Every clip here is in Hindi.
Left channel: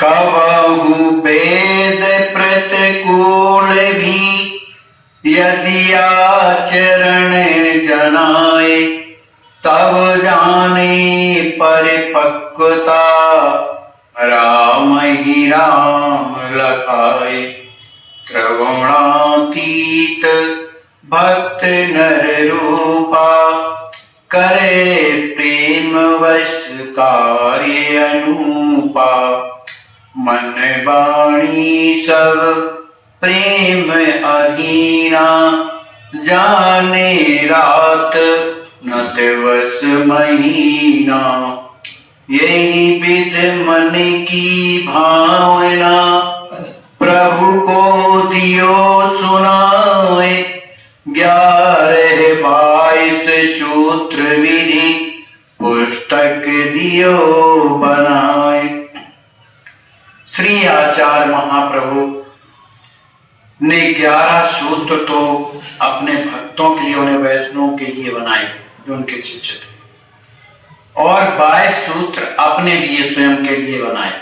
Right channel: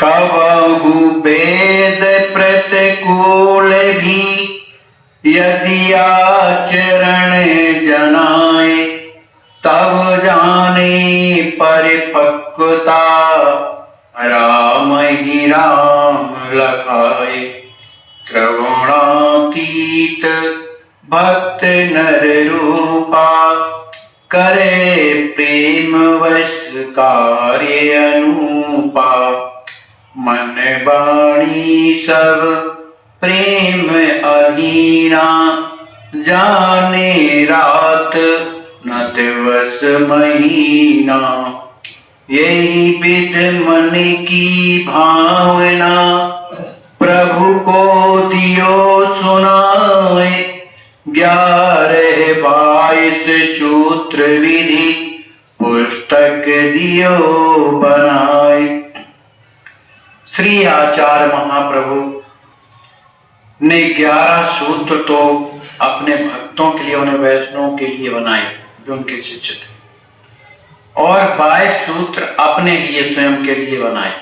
कबहु वेद प्रतिकूल भी यदि आचरण जनाए, तब जाने परिपक्वता राम ही राम लखाए। त्रिगुणातीत भक्त नर रूपा, करे प्रेम वश कार्य अनुपा। मन वाणी सब प्रेम अधीना, जाने रात न दिवस महीना। यही विध मन की भावना, प्रभु को दियो सुनाए। 11-22 सूत्र विधि पुस्तक दियो बनाए। श्री आचार्य महाप्रभु ने 11 सूत्र तो अपने भक्तों के लिए, उन्हें वैष्णवों के लिए बनाए जो उनके शिष्य थे, और 22 सूत्र अपने लिए, स्वयं के लिए बनाए।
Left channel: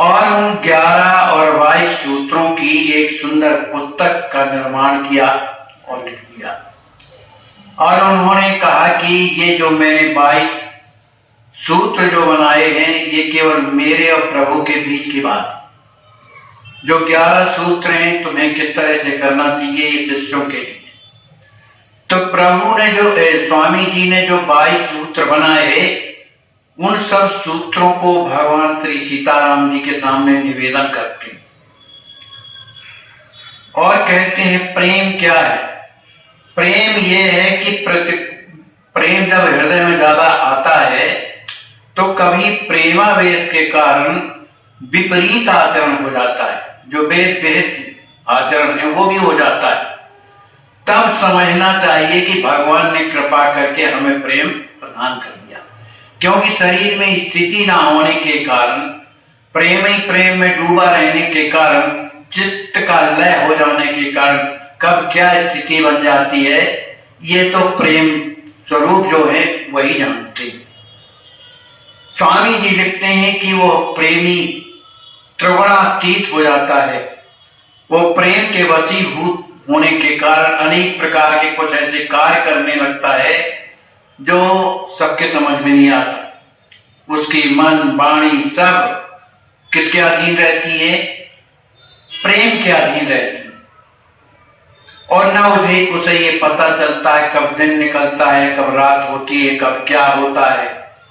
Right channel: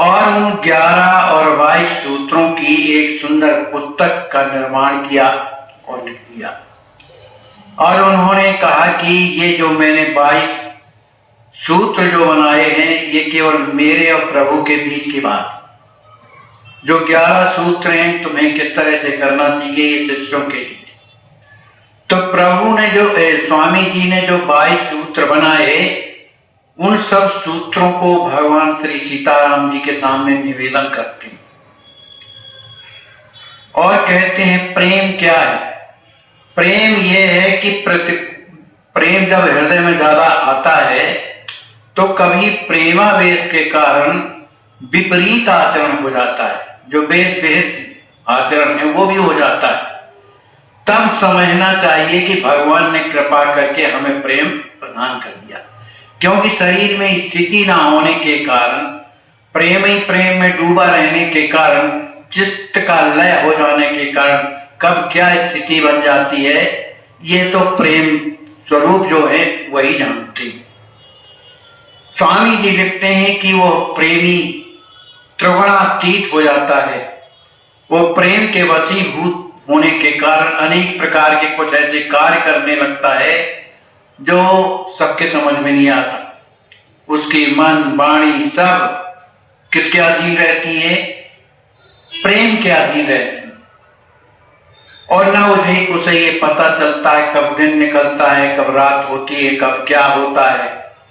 और उन 11 और 22 सूत्रों की एक सुंदर पुस्तक का निर्माण किया और लिख दिया। और उन्होंने कहा कि ये जो मैंने 22 सूत्र जो बनाए हैं, ये केवल मेरे और प्रभु के बीच की बात। जो 11 सूत्र हैं, तुम्हें किस तरह से करना चाहिए, ये शिष्यों के लिए। तो प्रभु ने जो स्वामी जी ने जो 22 सूत्र बनाए, उन सब सूत्रों को भगवान श्री सीताराम जी के सामने निवेदन करते हैं और कहते हैं प्रेम क्या है। प्रेम ये है कि प्रेम जब हृदय में ज्यादा आता है तो कभी प्रेमावेश के कारण विपरीत आचरण हो जाता है, जो वेद विहित आचरण है वो भी हो जाता है। तब समझना चाहिए कि भगवान ने कृपा करके हमें प्रेम प्रदान कर दिया, क्योंकि शरीर में स्थिति ना होने के कारण, प्रेम ही प्रेम में डूबा रहने के कारण, चित्त का लय हो जाने के कारण कब क्या स्थिति बन जाती है, ये तो प्रेम स्वरूप जो है वही जानते हैं। स्वामी जी लिखते हैं कि वो प्रेमी त्रिगुणातीत हो जाता है। वो प्रेम के वशीभूत होने के कारण अनेक प्रकार के कुछ ऐसे कार्य करने लगता है जो सबके समझ में नहीं आता। उसकी मन वाणी सब किसके अधीन रहती है? प्रेम के अधीन रहती है। और न उसे ये पता चलता है कब दिन निकलता है, कब रात होती है, कब क्या होता है,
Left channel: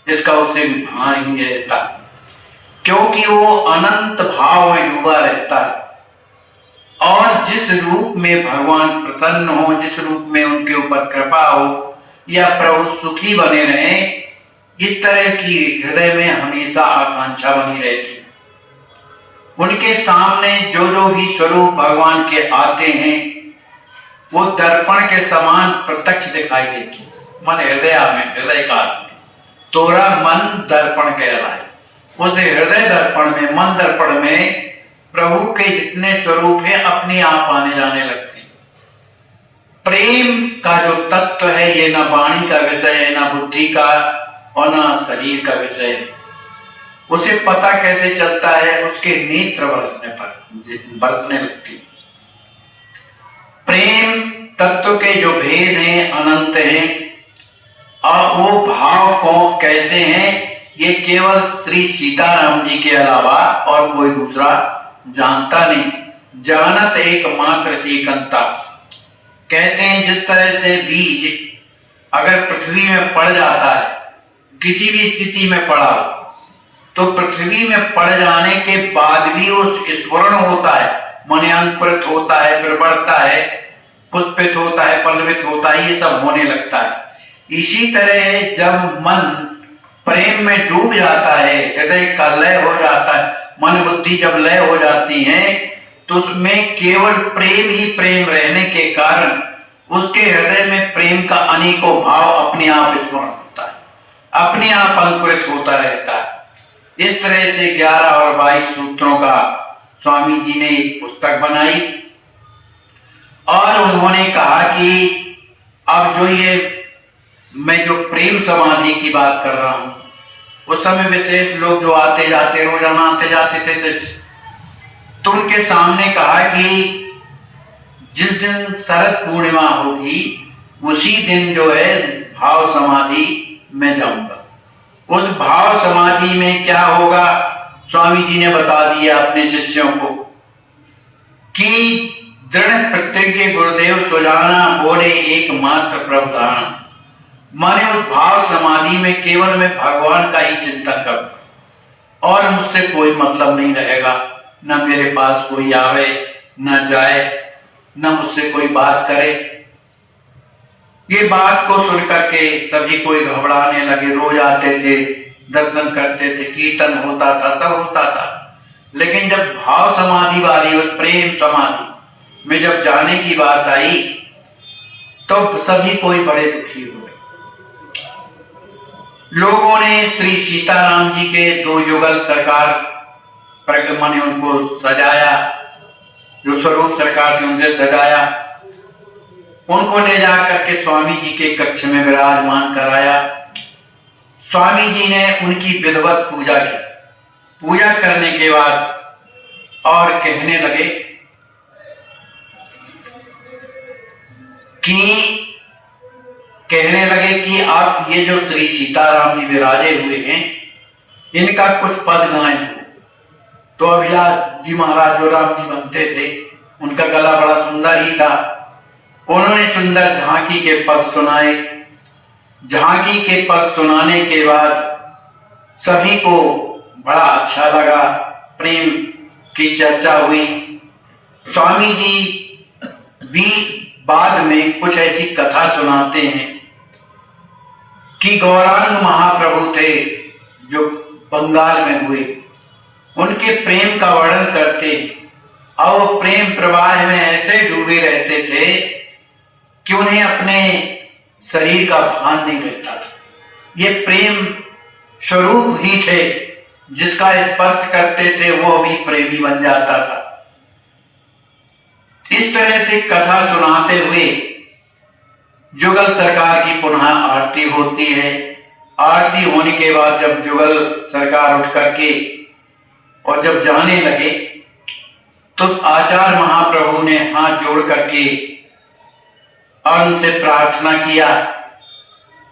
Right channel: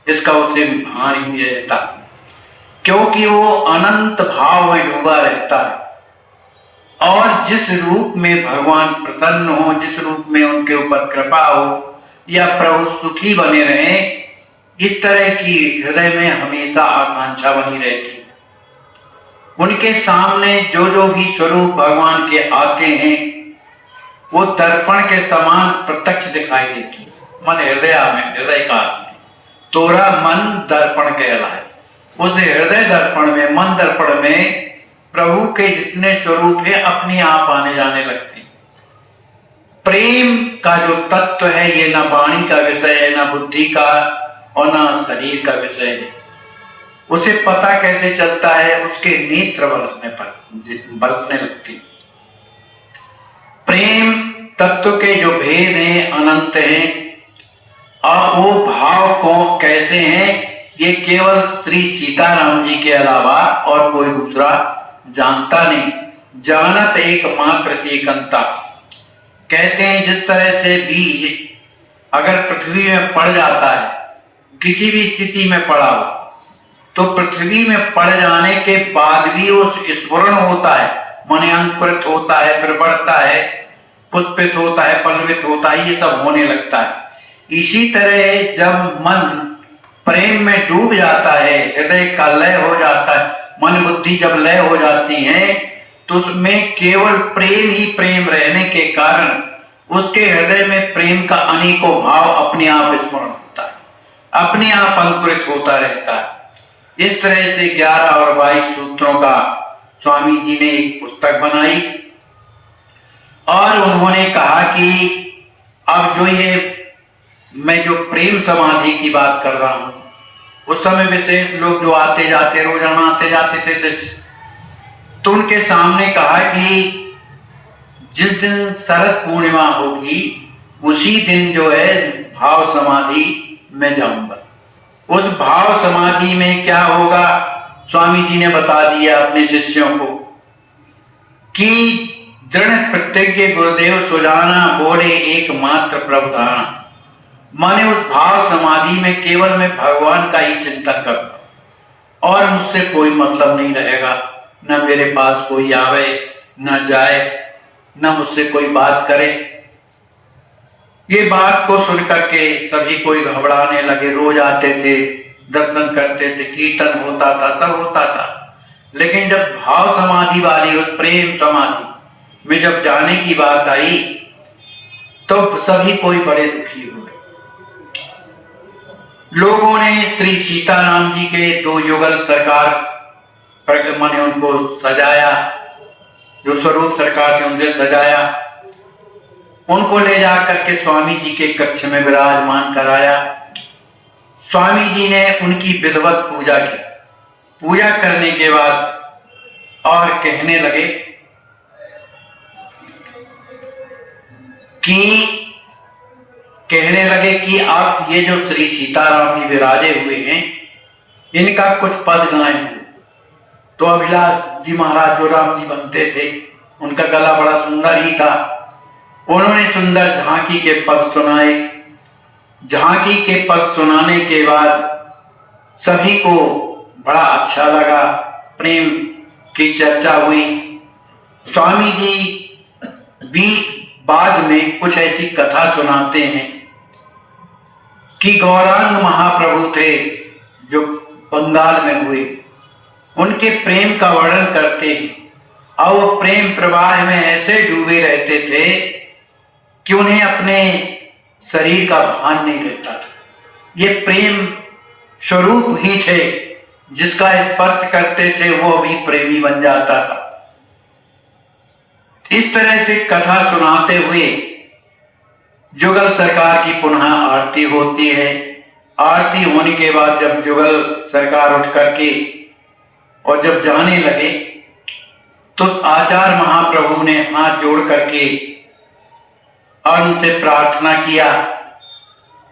इसका उसे भान ही नहीं रहता, क्योंकि वो अनंत भाव में डूबा रहता है। और जिस रूप में भगवान प्रसन्न हो, जिस रूप में उनके ऊपर कृपा हो या प्रभु सुखी बने रहे, इस तरह की हृदय में हमेशा आकांक्षा बनी रहती है। उनके सामने जो जो भी स्वरूप भगवान के आते हैं वो दर्पण के समान प्रत्यक्ष दिखाई देती है। मन हृदय में, हृदय काल में तोरा मन दर्पण कहलाए। उस हृदय दर्पण में, मन दर्पण में प्रभु के जितने स्वरूप है अपने आप आने जाने लगते हैं। प्रेम का जो तत्व है ये ना वाणी का विषय है, ना बुद्धि का और ना शरीर का विषय है। उसे पता कैसे चलता है? उसके नेत्र बरसने लगते हैं। प्रेम तत्व के जो भेद हैं अनंत हैं, और वो भाव को कैसे हैं ये केवल श्री सीताराम जी के अलावा और कोई दूसरा जानता नहीं। जानत एकमात्र सीकंता। कहते हैं जिस तरह से बीज अगर पृथ्वी में पड़ जाता है, किसी भी स्थिति में पड़ा हो, तो पृथ्वी में पड़ जाने के बाद भी उस स्फुरण होता है, मन अंकुरित होता है, फिर बढ़ता है, पुष्पित होता है, पल्लवित होता है, ये सब होने लगता है। इसी तरह जब मन प्रेम में डूब जाता है, हृदय का लय हो जाता है, मन बुद्धि जब लय हो जाती है, तो उसमें केवल प्रेम ही प्रेम रहने के कारण उसके हृदय में प्रेम का अनेकों भाव अपने आप स्मरण होता है, अपने आप अंकुरित होता रहता है। इस तरह से 11 और 22 सूत्रों का स्वामी जी ने एक पुस्तक बनाई और उन्होंने कहा कि अब जो ये मैं जो प्रेम समाधि की बात कर रहा हूं, उस समय विशेष लोग जो आते जाते, रोजाना आते जाते थे शिष्य, तो उनके सामने कहा कि जिस दिन शरद पूर्णिमा होगी उसी दिन जो है भाव समाधि में जाऊंगा। उस भाव समाधि में क्या होगा, स्वामी जी ने बता दिया अपने शिष्यों को कि दृढ़ प्रतिज्ञ गुरुदेव सुजाना बोले एकमात्र प्रभुधान। माने उस भाव समाधि में केवल मैं भगवान का ही चिंतन करूं और मुझसे कोई मतलब नहीं रहेगा, न मेरे पास कोई आवे न जाए, न मुझसे कोई बात करे। ये बात को सुनकर के सभी कोई घबराने लगे। रोज आते थे, दर्शन करते थे, कीर्तन होता था, सब होता था, लेकिन जब भाव समाधि वाली उस प्रेम समाधि में जब जाने की बात आई तो सभी कोई बड़े दुखी हुए। लोगों ने श्री सीताराम जी के 2 युगल सरकार प्रगमन ने उनको सजाया, जो स्वरूप सरकार थे उनसे सजाया, उनको ले जाकर के स्वामी जी के कक्ष में विराजमान कराया। स्वामी जी ने उनकी विधिवत पूजा की। पूजा करने के बाद और कहने लगे कि आप ये जो श्री सीताराम जी विराजे हुए हैं इनका कुछ पद गाएं। तो अभिलाष जी महाराज जो राम जी बनते थे, उनका गला बड़ा सुंदर ही था, उन्होंने सुंदर झांकी के पद सुनाए। झांकी के पद सुनाने के बाद सभी को बड़ा अच्छा लगा, प्रेम की चर्चा हुई। स्वामी जी भी बाद में कुछ ऐसी कथा सुनाते हैं कि गौरांग महाप्रभु थे जो बंगाल में हुए, उनके प्रेम का वर्णन करते हैं और वो प्रेम प्रवाह में ऐसे डूबे रहते थे कि उन्हें अपने शरीर का भान नहीं रहता था। ये प्रेम स्वरूप ही थे, जिसका स्पर्श करते थे वो भी प्रेमी बन जाता था। इस तरह से कथा सुनाते हुए जुगल सरकार की पुनः आरती होती है। आरती होने के बाद जब जुगल सरकार उठ करके और जब जाने लगे तो आचार्य महाप्रभु ने हाथ जोड़ करके और उनसे प्रार्थना किया।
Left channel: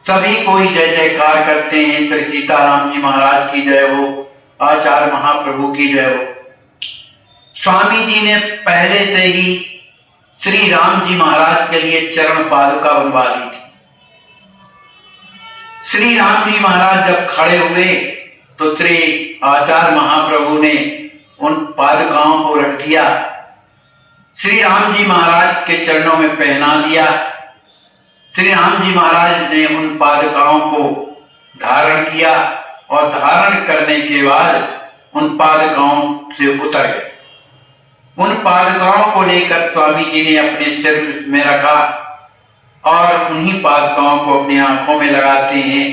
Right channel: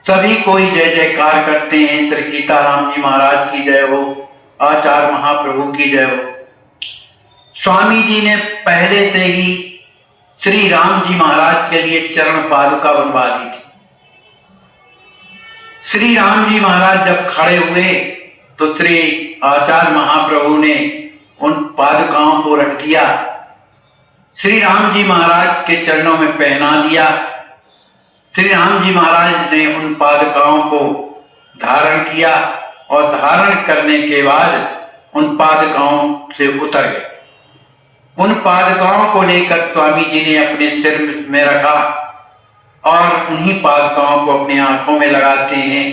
सभी कोई जय जयकार करते हैं, श्री सीताराम जी महाराज की जय हो, आचार्य महाप्रभु की जय हो। स्वामी जी ने पहले से ही श्री राम जी महाराज के लिए चरण पादुका बनवा दी थी। श्री राम जी महाराज जब खड़े हुए तो श्री आचार्य महाप्रभु ने उन पादुकाओं को रख दिया, श्री राम जी महाराज के चरणों में पहना दिया। श्री राम जी महाराज ने उन पादुकाओं को धारण किया और धारण करने के बाद उन पादुकाओं से उतर गए। उन पादुकाओं को लेकर स्वामी जी ने अपने सिर में रखा और उन्हीं पादुकाओं को अपनी आंखों में लगाते हैं,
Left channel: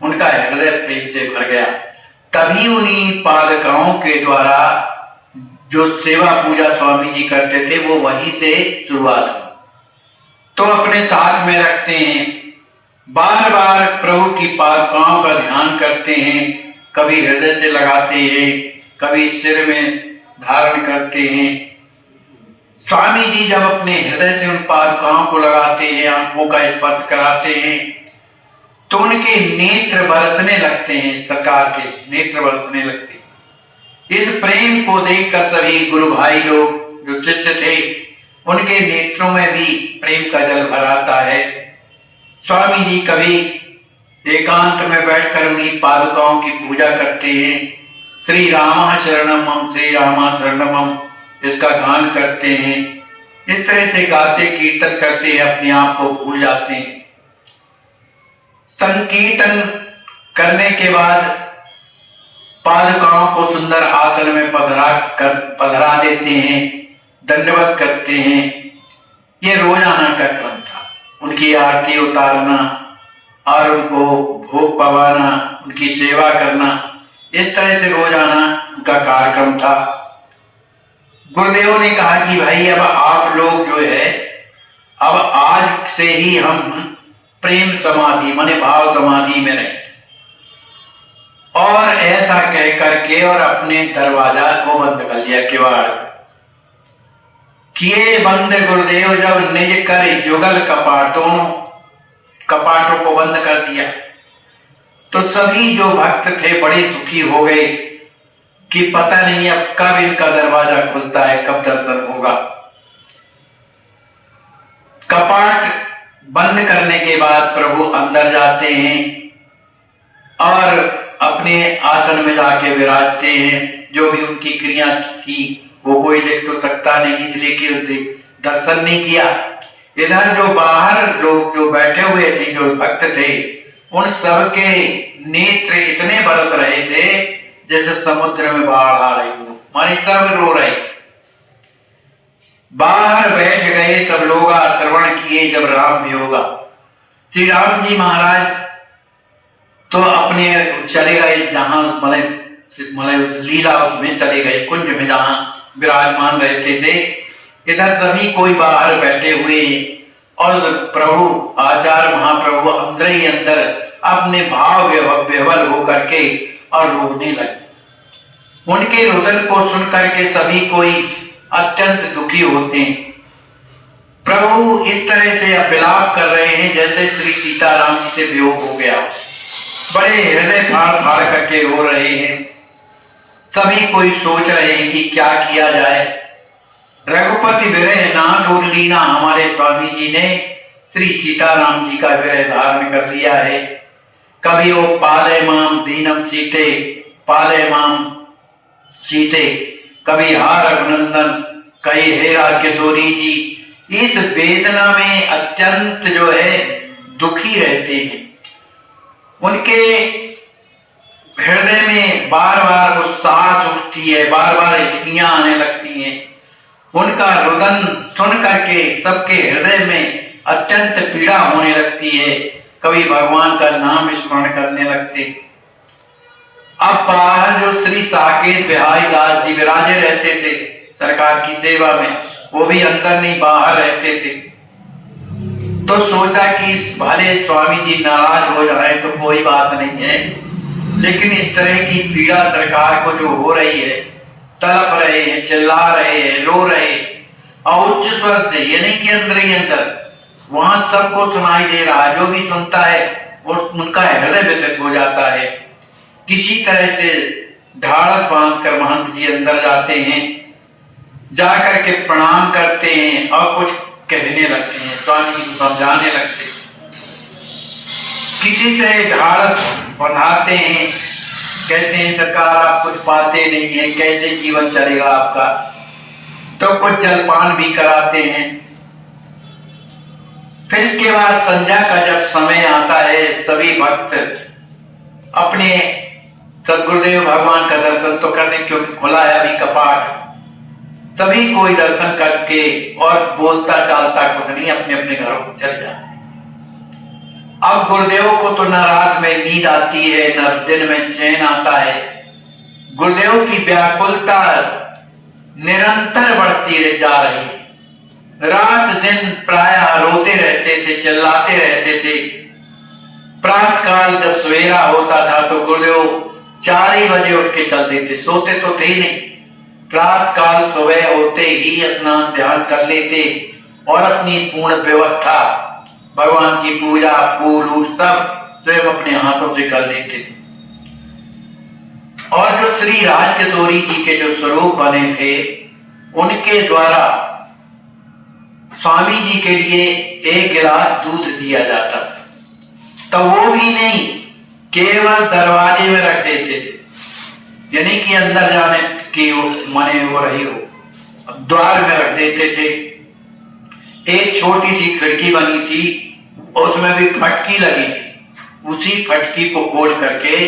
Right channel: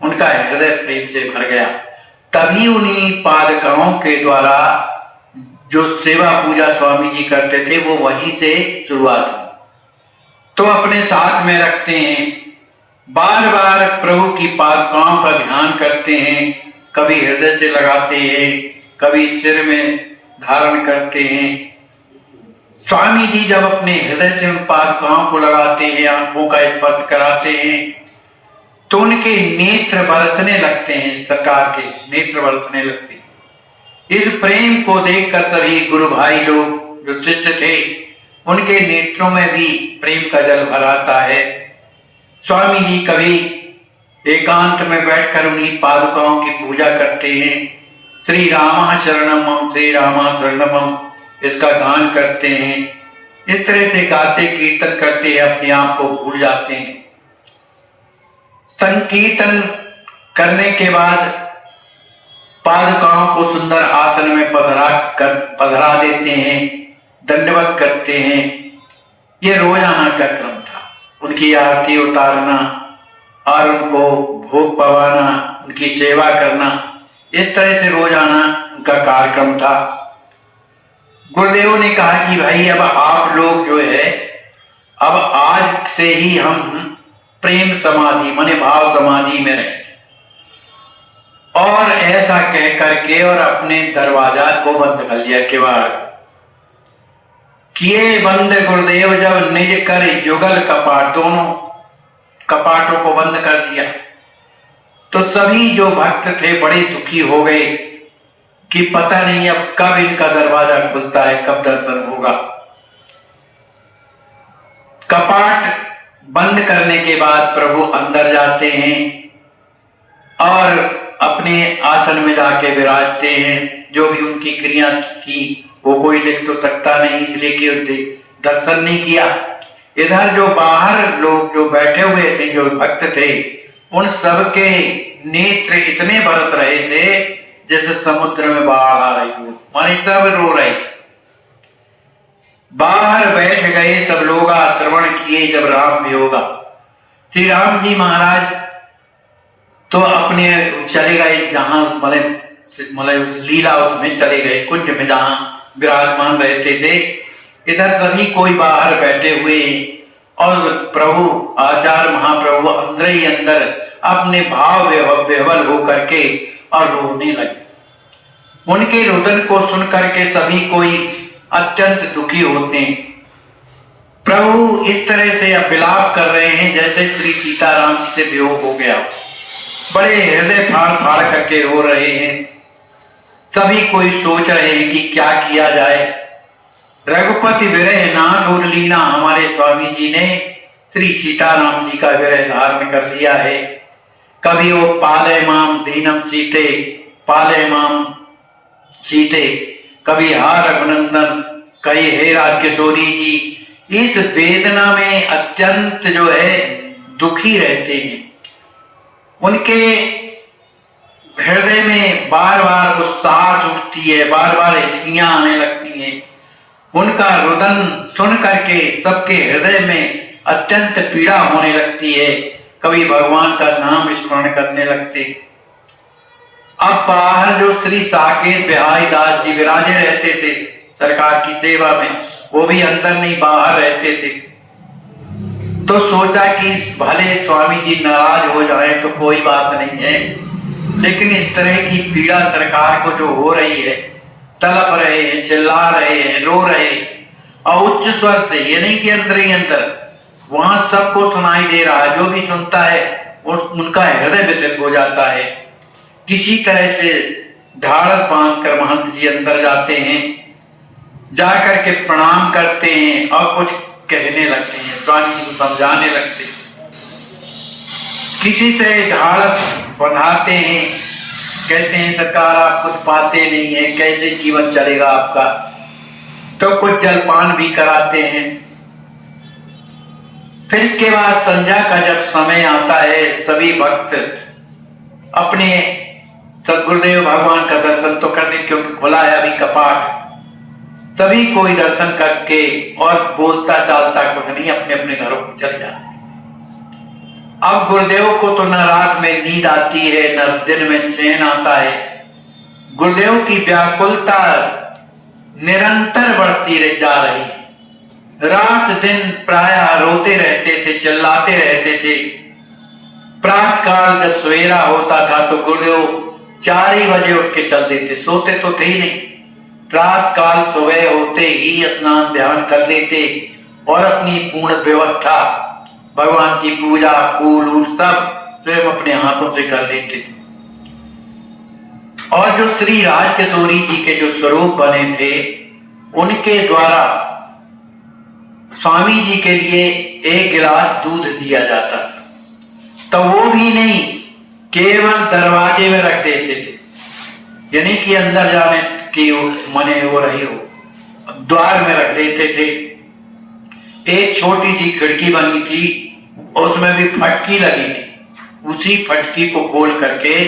उनका हृदय प्रेम से भर गया। तभी उन्हीं पादुकाओं के द्वारा जो सेवा पूजा स्वामी जी करते थे वो वहीं से शुरुआत हुई। तो अपने साथ में रखते हैं, बार बार प्रभु की पादुकाओं का ध्यान करते हैं, कभी हृदय से लगाते हैं, कभी सिर में धारण करते हैं। स्वामी जी जब अपने हृदय से उन पादुकाओं को लगाते हैं, आंखों का स्पर्श कराते हैं, तो उनके नेत्र बरसने लगते हैं, सरकार के नेत्र बरसने लगते हैं। इस प्रेम को देखकर सभी गुरु भाई लोग जो शिष्य थे उनके नेत्रों में भी प्रेम का जल भर आता है। स्वामी जी कभी एकांत में बैठकर उन्हीं पादुकाओं की पूजा करते हैं। श्री रामा शरणम, श्री रामा शरणम, इसका गान करते हैं। इस तरह से गाते कीर्तन करते हैं, अपने आप को भूल जाते हैं। संकीर्तन करने के बाद पादुकाओं को सुंदर आसन में पधरा देते हैं, दंडवत करते हैं। ये रोजाना का क्रम था, उनकी आरती उतारना और उनको भोग पवाना, उनकी सेवा करना, इस तरह से रोजाना उनका कार्यक्रम था। गुरुदेव ने कहा कि भाई अब आप लोग जो है अब आज से ही हम प्रेम समाधि माने भाव समाधि में रहें और कह करके और अपने दरवाजा को बंद कर लिया, किवाड़ किए बंद गुरुदेव जब निज कर युगल कपाट, दोनों कपाटों को बंद कर दिया। तो सभी जो भक्त थे बड़े दुखी हो गए कि पता नहीं अब कब इनका दरवाजा खुलता है, कब दर्शन होगा। कपाट बंद करने के बाद प्रभु अंदर जाते हैं और अपने आसन में जाके विराजते हैं। जो भी उनकी क्रिया थी वो कोई देख तो सकता नहीं, इसलिए कि उसने दर्शन नहीं किया। इधर जो बाहर लोग जो बैठे हुए थे, जो भक्त थे, उन सबके नेत्र इतने बरस रहे थे जैसे समुद्र में बाढ़ आ रही हो, मानी सब रो रहे। बाहर बैठ गए सब लोग, श्रवण किए जब राम वियोगा। श्री राम जी महाराज तो अपने चले गए जहां मतलब लीला उसमें चले गए, कुंज में जहां विराजमान रहते थे। इधर सभी कोई बाहर बैठे हुए और प्रभु आचार्य महाप्रभु अंदर ही अंदर अपने भाव विह्वल होकर के और रोने लगे। उनके रुदन को सुन करके सभी कोई अत्यंत दुखी होते हैं। प्रभु इस तरह से विलाप कर रहे हैं जैसे श्री सीताराम जी से वियोग हो गया, बड़े हृदय फाड़ फाड़ करके रो रहे हैं। सभी कोई सोच रहे हैं कि क्या किया जाए। रघुपति विरह नाथ और लीना, हमारे स्वामी जी ने श्री सीताराम जी का विरह धारण कर लिया है। कभी वो पाले माम दीनम सीते, पाले माम सीते, कभी हा रघुनंदन, कही हे राजकिशोरी जी। इस वेदना में अत्यंत जो है दुखी रहते हैं। उनके हृदय में बार बार उत्साह उठती है, बार बार हिचकियां आने लगती हैं। उनका रुदन सुन करके सबके हृदय में अत्यंत पीड़ा होने लगती है। कभी भगवान का नाम स्मरण करने लगते। अब बाहर जो श्री साकेत बिहारी दास जी विराजे रहते थे सरकार की सेवा में, वो भी अंदर नहीं बाहर रहते थे। तो सोचा कि भले स्वामी जी नाराज हो जाए तो कोई बात नहीं है, लेकिन इस तरह की पीड़ा सरकार को जो हो रही है, तड़प रहे हैं, चिल्ला रहे हैं, रो रहे हैं, और उच्च स्वर से, ये नहीं कि अंदर ही अंदर, वहां सबको सुनाई दे रहा, जो भी सुनता है उनका हृदय व्यथित हो जाता है। किसी तरह से ढाढ़स बांध कर महंत जी अंदर जाते हैं, जाकर के प्रणाम करते हैं और कुछ कहने लगते हैं, स्वामी जी को समझाने लगते हैं। किसी से ढाढ़स बनाते हैं, कहते हैं सरकार आप कुछ पाते नहीं है, कैसे जीवन चलेगा आपका, तो कुछ जलपान भी कराते हैं। फिर इसके बाद संध्या का जब समय आता है, सभी भक्त अपने सदगुरुदेव भगवान का दर्शन तो करने, क्योंकि खुला है अभी कपाट, सभी कोई दर्शन करके और बोलता चालता कुछ नहीं, अपने अपने घरों को चले जाते। अब गुरुदेव को तो न रात में नींद आती है, न दिन में चैन आता है। गुरुदेव की व्याकुलता निरंतर बढ़ती जा रही है। रात दिन प्रायः रोते रहते थे, चिल्लाते रहते थे। प्रातः काल जब सवेरा होता था तो गुरुदेव 4 ही बजे उठ के चल देते, सोते तो थे ही नहीं। प्रातः काल सुबह होते ही स्नान ध्यान कर लेते और अपनी पूर्ण व्यवस्था, भगवान की पूजा, फूल वूल सब स्वयं अपने हाथों से कर लेते थे। और जो श्री राजकिशोरी जी के जो स्वरूप बने थे, उनके द्वारा स्वामी जी के लिए 1 गिलास दूध दिया जाता, तो वो भी नहीं, केवल दरवाजे में रख देते थे, यानी कि अंदर जाने की मने वो रही हो, द्वार में रख देते थे। एक छोटी सी खिड़की बनी थी, उसमें भी फटकी लगी थी, उसी फटकी को खोल करके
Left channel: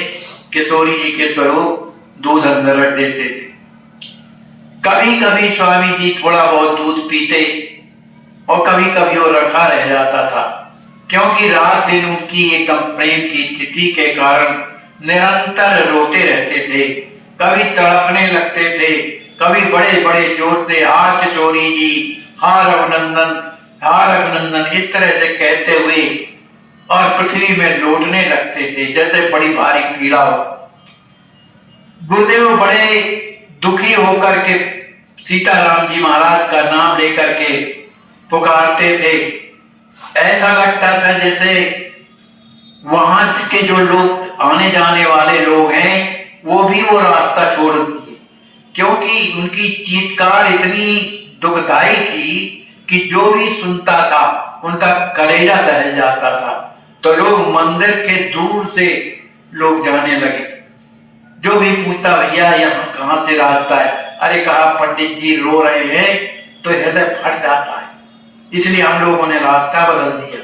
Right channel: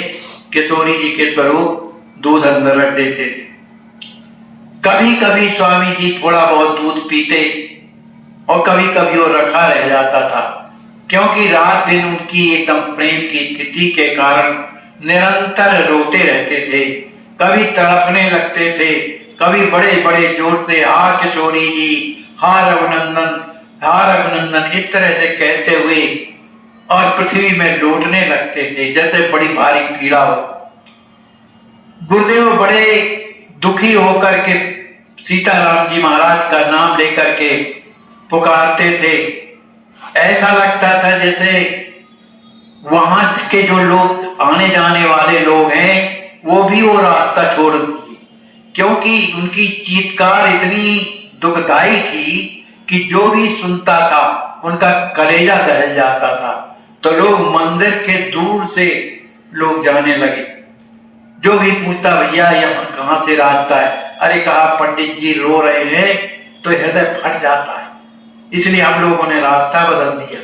किशोरी जी के स्वरूप दूध अंदर रख देते थे। कभी कभी स्वामी जी थोड़ा बहुत दूध पीते और कभी कभी वो रखा रह जाता था, क्योंकि रात दिन उनकी एकदम प्रेम की स्थिति के कारण निरंतर रोते रहते थे, कभी तड़पने लगते थे, कभी बड़े बड़े जोर से हा किशोरी जी, हा रघुनंदन, हा रघुनंदन, इस तरह से कहते हुए और पृथ्वी में लौटने लगते थे जैसे बड़ी भारी पीड़ा हो। गुरुदेव बड़े दुखी होकर के सीताराम जी महाराज का नाम लेकर के पुकारते थे। ऐसा लगता था जैसे वहां के जो लोग आने जाने वाले लोग हैं वो भी वो रास्ता छोड़ दिए, क्योंकि उनकी चीत्कार इतनी दुखदाई थी कि जो भी सुनता था उनका कलेजा दहल जाता था। तो लोग मंदिर के दूर से लोग जाने लगे। जो भी पूछता भैया यहाँ कहाँ से रास्ता है, अरे कहा पंडित जी रो रहे हैं, तो हृदय फट जाता है। इसलिए हम लोगों ने रास्ता बदल दिया।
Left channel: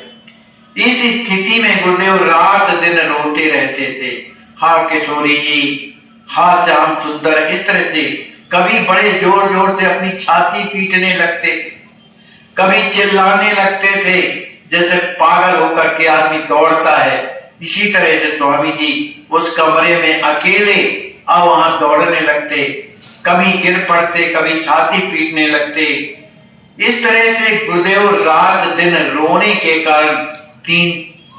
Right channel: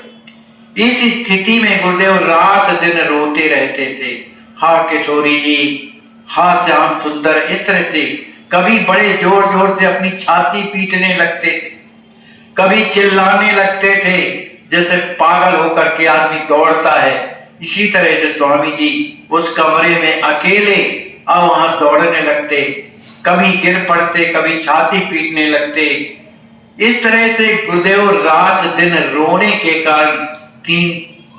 इस स्थिति में गुरुदेव रात दिन रोते रहते थे, हा किशोरी जी, हा श्याम सुंदर, इस तरह से। कभी बड़े जोर जोर से अपनी छाती पीटने लगते थे, कभी चिल्लाने लगते थे जैसे पागल होकर के आदमी दौड़ता है। इसी तरह से स्वामी जी उस कमरे में अकेले अब वहां दौड़ने लगते, कभी गिर पड़ते, कभी छाती पीटने लगते। इस तरह से गुरुदेव रात दिन रोने के कारण 3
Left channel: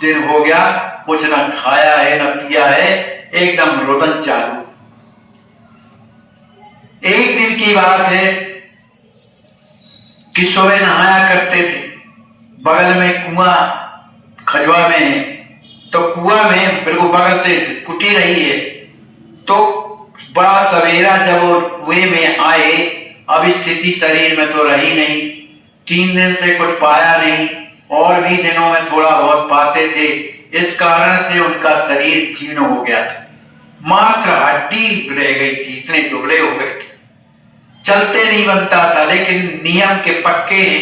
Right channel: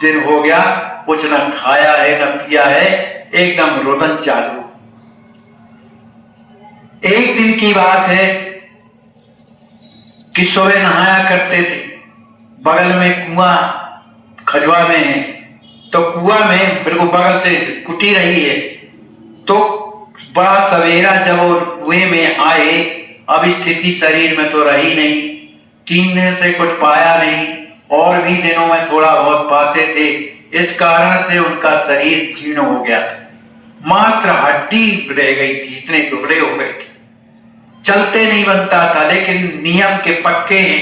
दिन हो गया, कुछ न खाया है न पिया है, एकदम रोदन चालू। एक दिन की बात है कि सुबह नहाया करते थे, बगल में कुआं खजवा में है, तो कुआं में बिल्कुल बगल से कुटी रही है। तो बड़ा सवेरा जब वो कुएं में आए, अब स्थिति शरीर में तो रही नहीं, 3 दिन से कुछ पाया नहीं, और भी दिनों में थोड़ा बहुत पाते थे। इस कारण से उनका शरीर जीर्ण हो गया था, मात्र हड्डी रह गई थी, इतने टुकड़े हो गए थे। चलते नहीं बनता था, लेकिन नियम के पक्के हैं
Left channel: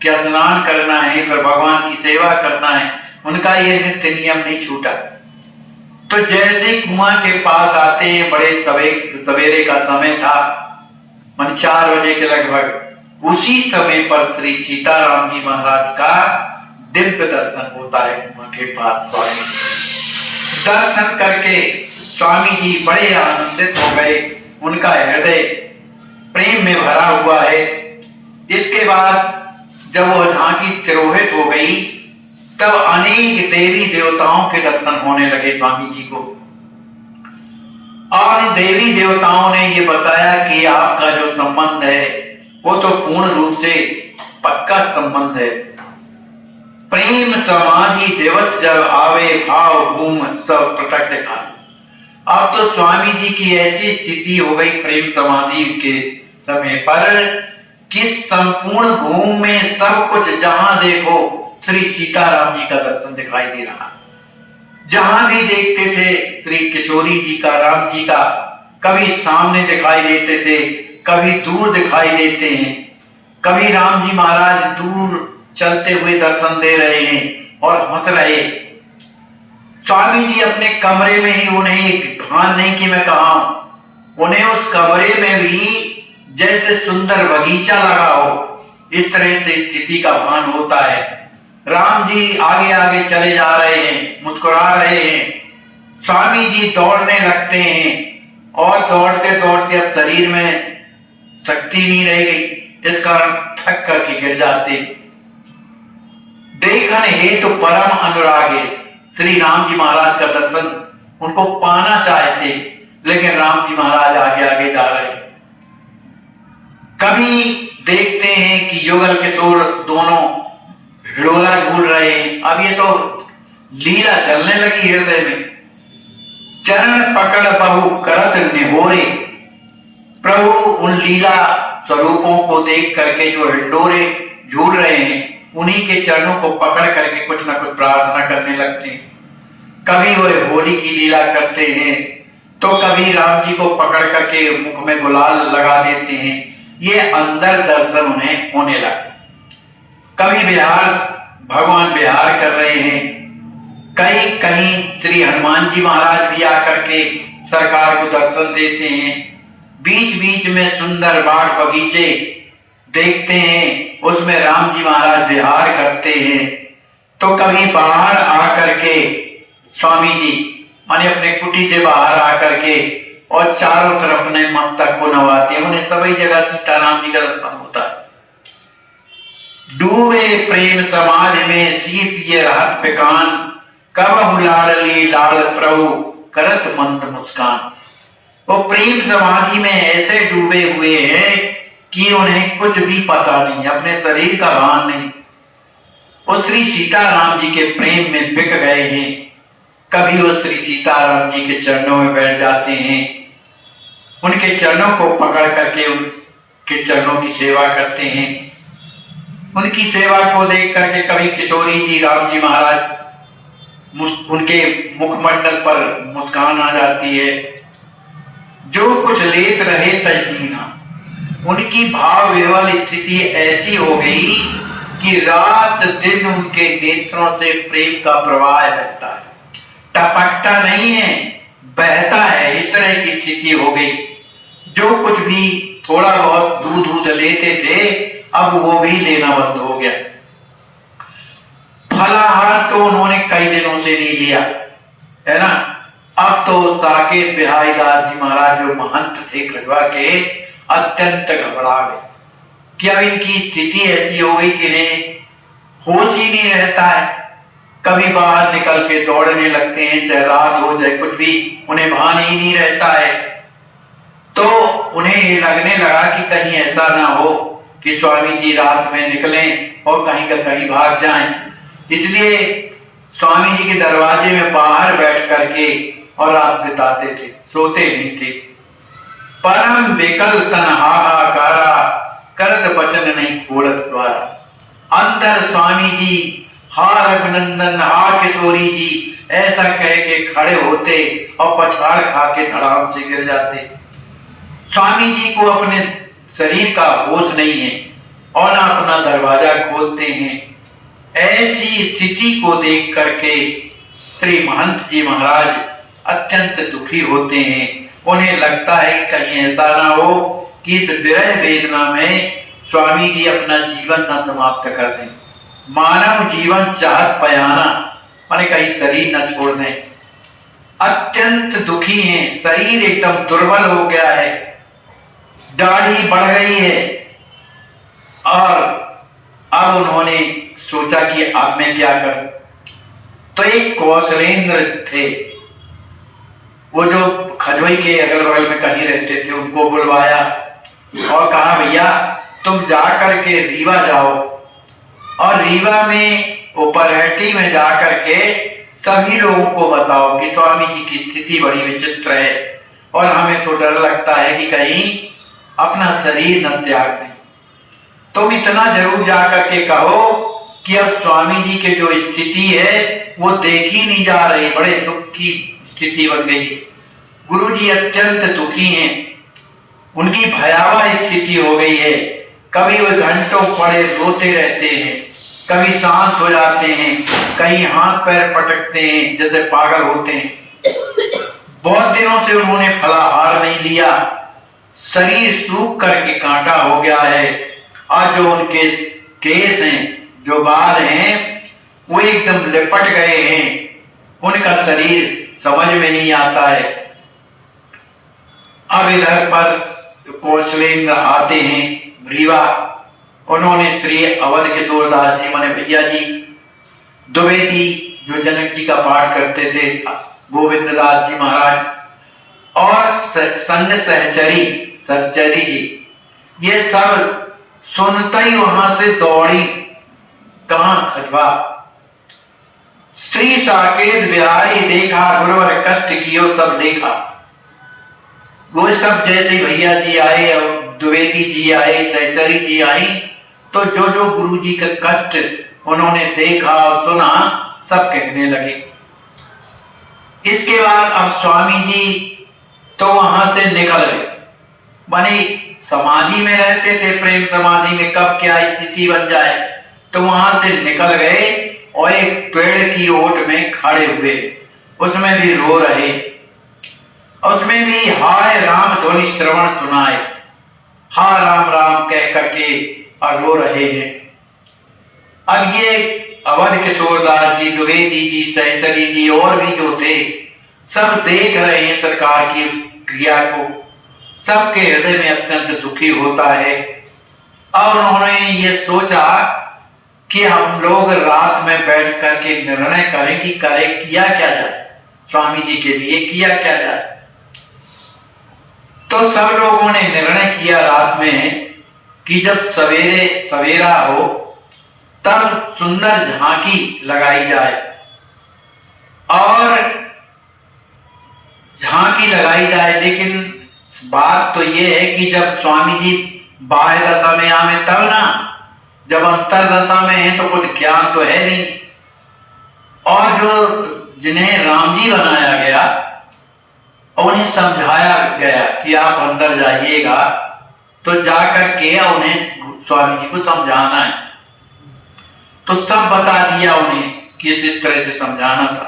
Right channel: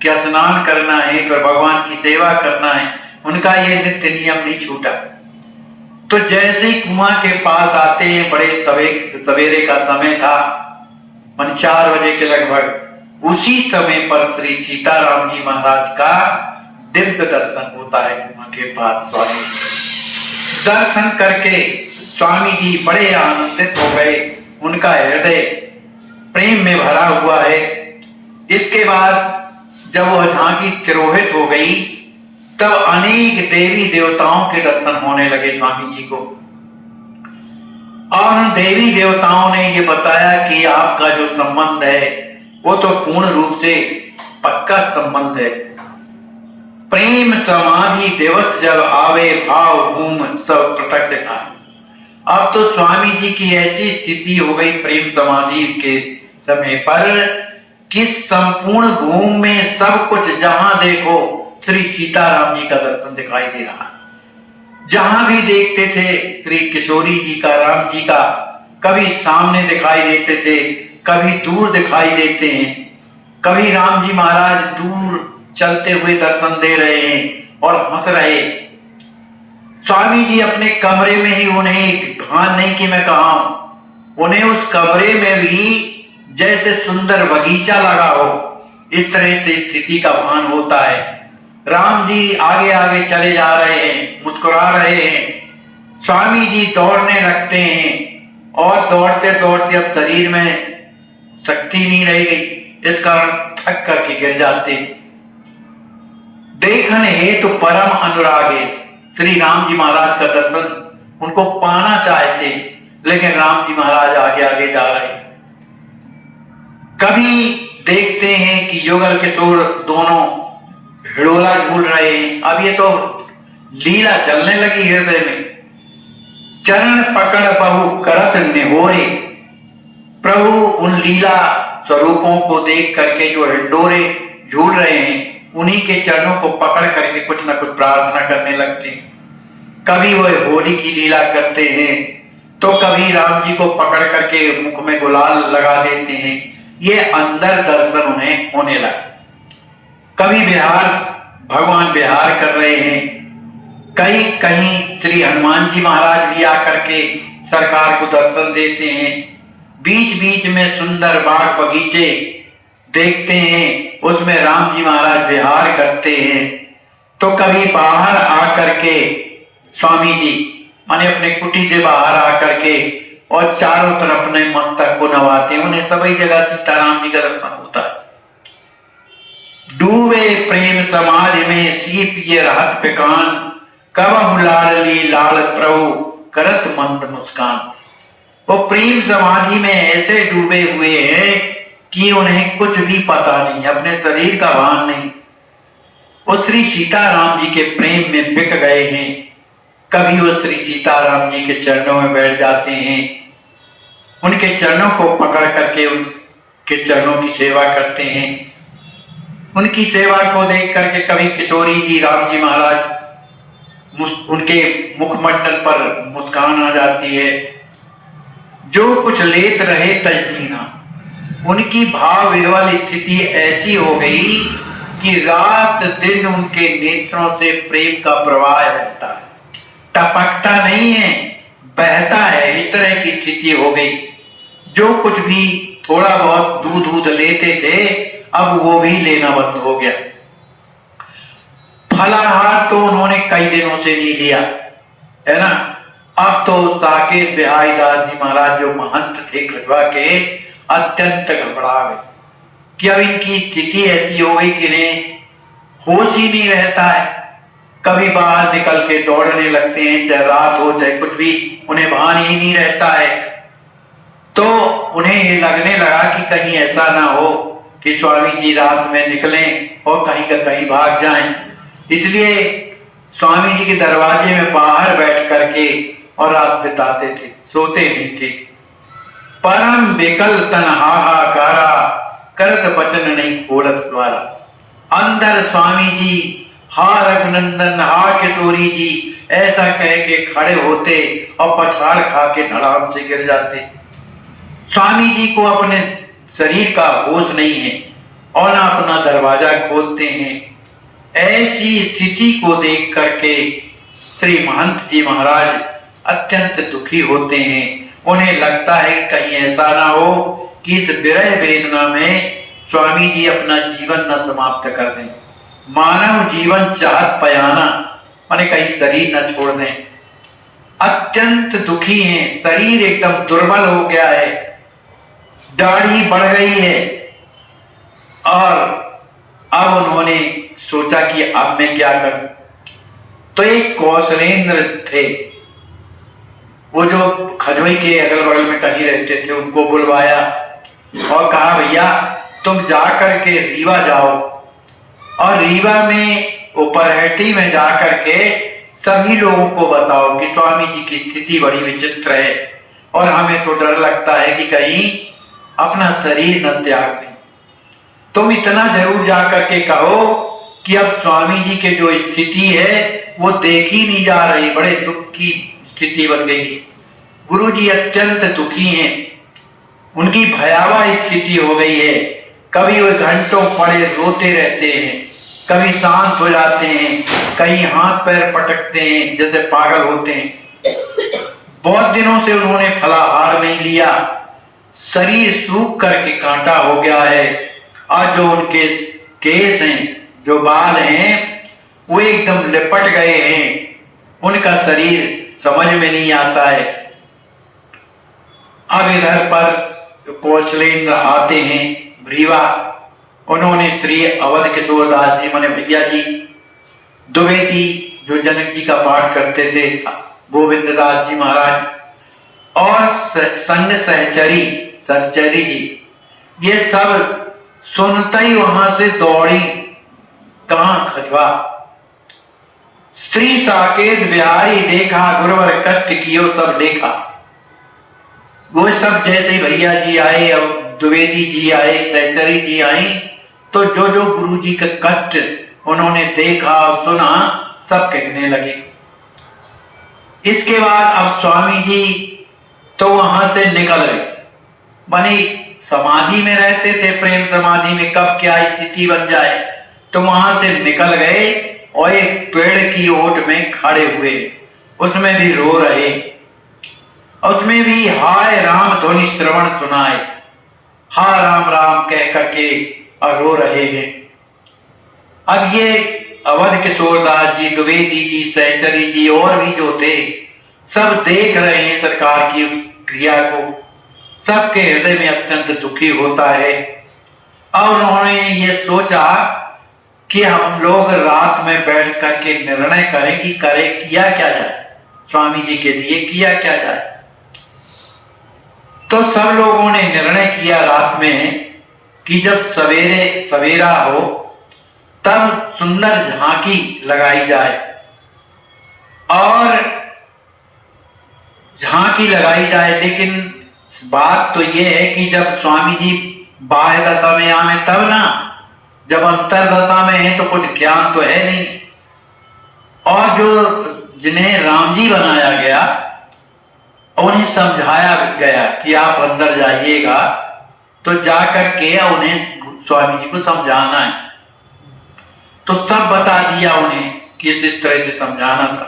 कि स्नान करना है, पर भगवान की सेवा करना है, उनका ये नित्य नियम नहीं छूटा। तो जैसे ही कुआं के पास आते हैं, बड़े सवेरे का समय था, 4 बजे के लगभग, उसी समय पर श्री सीताराम जी महाराज का दिव्य दर्शन होता है। कुआं के पास स्वामी दर्शन करके स्वामी जी बड़े आनंदित हो गए, उनका हृदय प्रेम में भरा हुआ है। इसके बाद जब वो झांकी तिरोहित हो गई, तब अनेक देवी देवताओं के दर्शन होने लगे स्वामी जी को। और उन देवी देवताओं ने ये बताया कि आपका जो संबंध है वो तो पूर्ण रूप से पक्का संबंध है। प्रेम समाधि दिवस जब आवे, भाव भूम सब पृथक दिखा। अब तो स्वामी जी की ऐसी स्थिति हो गई प्रेम समाधि के समय पर कि संपूर्ण भूमि में सब कुछ, जहां देखो श्री सीताराम जी का दर्शन दिखाई दे रहा। जहां भी देखते थे श्री किशोरी जी का, राम जी का, कभी सामने दिखाई देते थे, कभी दूर दिखाई देते हैं। कभी राम जी महाराज दूर चलते हुए दर्शन दे रहे हैं और हंस रहे। स्वामी जी अपने कमरे में ही, उन्हें भान नहीं कि मैं कहा हूं, उन्हें उस कमरे में भी जैसे सुंदर बगीचा लगा हो, इस तरह से स्थिति का भान होता है। राम जी आगे आगे चले जा रहे हैं, मुस्कुरा रहे हैं, स्वामी जी दौड़ने लगते हैं, और दौड़ते दौड़ते अब शरीर में शक्ति नहीं रह गई, इस कारण थक करके गिर जाते। देखन हेतु परम अनुरागे, श्री राम जी महाराज का दर्शन उनको पाना चाहते, लेकिन राम जी महाराज आगे आगे जा रहे। कभी देखते हैं कि युगल किशोर दोनों हिड़ोला झूल रहे हैं। अब ये तो लीला चलने लगी हृदय में। चरण पकड़ बहु करत निहोरे, प्रभु उन लीला स्वरूपों को देख करके जो हिंडोरे झूल रहे हैं, उन्हीं के चरणों को पकड़ करके कुछ न कुछ प्रार्थना करने लगते हैं। कभी वह होली की लीला करते हैं, तो कभी राम जी को पकड़ करके मुख में गुलाल लगा देते हैं। ये अंदर दर्शन उन्हें होने लगा। कभी विहार, भगवान विहार कर रहे हैं, कहीं कहीं श्री हनुमान जी महाराज भी आकर के सरकार को दर्शन देते हैं। बीच बीच में सुंदर बाग बगीचे देखते हैं, उसमें राम जी महाराज विहार करते हैं। तो कभी बाहर आकर के स्वामी जी माने अपने कुटी से बाहर आकर के और चारों तरफ अपने मस्तक को नवाते हैं। उन्हें सभी जगह सीताराम जी का दर्शन होता है। डूबे प्रेम समाज में सीप ये रहत पिकान, कब लाडली लाल प्रभु करत मंद मुस्कान। वो प्रेम समाधि में ऐसे डूबे हुए हैं कि उन्हें कुछ भी पता नहीं, अपने शरीर का भान नहीं। वो श्री सीताराम जी के प्रेम में बिक गए हैं। कभी वो श्री सीताराम जी के चरणों में बैठ जाते हैं, उनके चरणों को पकड़ करके उनके चरणों की सेवा करते हैं। उनकी सेवा को देख करके कभी किशोरी जी, राम जी महाराज, उनके मुखमंडल पर मुस्कान आ जाती है। जो कुछ लेत रहे तजीना, उनकी भाव विह्वल स्थिति ऐसी हो गई कि रात दिन उनके नेत्रों से प्रेम का प्रवाह रहता है, टपकता नहीं है, बहता है। इस तरह की स्थिति हो गई। जो कुछ भी थोड़ा बहुत दूध लेते थे, अब वो भी लेना बंद हो गया। फलाहार तो उन्होंने कई दिनों से नहीं लिया, है ना। अब तो साकेत बिहारी दास जी महाराज जो महंत थे खजवा के, अत्यंत घबरा गए कि अब इनकी स्थिति ऐसी हो गई कि इन्हें होश ही नहीं रहता है। कभी बाहर निकल के दौड़ने लगते हैं, चाहे रात हो चाहे कुछ भी, उन्हें भान ही नहीं रहता है। तो उन्हें ये लगने लगा कि कहीं ऐसा ना हो कि स्वामी जी रात में निकलें और कहीं का कहीं भाग जाएं। इसलिए स्वामी जी के दरवाजे में बाहर बैठ करके और रात बिताते थे, सोते नहीं थे। परम विकल तन हाहाकारा, करत वचन नहीं खोलत द्वारा। अंदर स्वामी जी हा रघुनंदन, हा किशोरी जी ऐसा कह के खड़े होते और पछाड़ खा के धड़ाम से गिर जाते। स्वामी जी को अपने शरीर का होश नहीं है और ना अपना दरवाजा खोलते हैं। ऐसी स्थिति को देख करके श्री महंत जी महाराज अत्यंत दुखी होते हैं। उन्हें लगता है कि कहीं ऐसा ना हो कि इस विरह वेदना में स्वामी जी अपना जीवन न समाप्त कर दें। मानव जीवन चाहत पयाना, माने कहीं शरीर न छोड़ दें। अत्यंत दुखी हैं, शरीर एकदम दुर्बल हो गया है, दाढ़ी बढ़ गई है। और अब उन्होंने सोचा कि अब मैं क्या करूं। तो एक कौशलेंद्र थे, वो जो खजोई के अगल बगल में कहीं रहते थे, उनको बुलवाया और कहा भैया तुम जाकर के रीवा जाओ और रीवा में उपरहटी में जाकर के सभी लोगों को बताओ कि स्वामी जी की स्थिति बड़ी विचित्र है और हमें तो डर लगता है कि कहीं अपना शरीर न त्याग दें। तुम इतना जरूर जाकर के कहो कि अब स्वामी जी के जो स्थिति है वो देखी नहीं जा रही, बड़े दुख की स्थिति बन गई। गुरु जी अत्यंत दुखी हैं, उनकी भयावह स्थिति हो गई है। कभी वो घंटों पड़े रोते रहते हैं, कभी शांत हो जाते हैं, कहीं हाथ पैर पटकते हैं जैसे पागल होते हैं। बहुत दिनों से उन्होंने फलाहार नहीं लिया, शरीर सूख करके कांटा हो गया है और जो उनके केस हैं, जो बाल हैं, वो एकदम लिपट गए हैं। उनका शरीर समझ में नहीं आता है। अब इधर पर कौशलेंद्र आते हैं रीवा। उन्होंने श्री अवध किशोरदास जी, माने भैया जी द्विवेदी जो जनक जी का पाठ करते थे, गोविंद दास जी महाराज और संग सहचरी जी, ये सब सुनते ही वहां से दौड़ी। कहां? खजवा। श्री साकेत बिहारी देखा, गुरुवर कष्ट कियो सब देखा। वो सब जैसे भैया जी आए और द्विवेदी जी आए, सहचरी जी आई, तो जो जो गुरु जी का कष्ट उन्होंने देखा और सुना, सब कहने लगे। इसके बाद अब स्वामी जी तो वहां से निकल गए। माने समाधि में रहते थे, प्रेम समाधि में कब क्या स्थिति बन जाए, तो वहां से निकल गए और एक पेड़ की ओट में खड़े हुए, उसमें भी रो रहे, उसमें भी हाय राम ध्वनि श्रवण सुनाए, हा राम राम कह करके और रो रहे हैं। अब ये अवध किशोरदास जी, द्विवेदी जी, सहचरी जी और भी जो थे, सब देख रहे हैं सरकार की क्रिया को। सबके हृदय में अत्यंत दुखी होता है और उन्होंने ये सोचा कि हम लोग रात में बैठ करके निर्णय करें कि किया क्या जाए, स्वामी जी के लिए किया क्या जाए। तो सब लोगों ने निर्णय किया रात में कि जब सवेरे सवेरा हो तब सुंदर झांकी लगाई जाए। और झांकी लगाई जाए, लेकिन बात तो यह है कि जब स्वामी जी बाह्य दशा में आवे तब ना, जब अंतर दशा में है तो कुछ ज्ञान तो है नहीं। और जो जिन्हें राम जी बनाया गया उन्हें समझाया गया कि आप अंदर जाइएगा, तो जाकर के उन्हें स्वामी जी को समझाना है। तो सब बता दिया उन्हें कि इस तरह से समझाना था।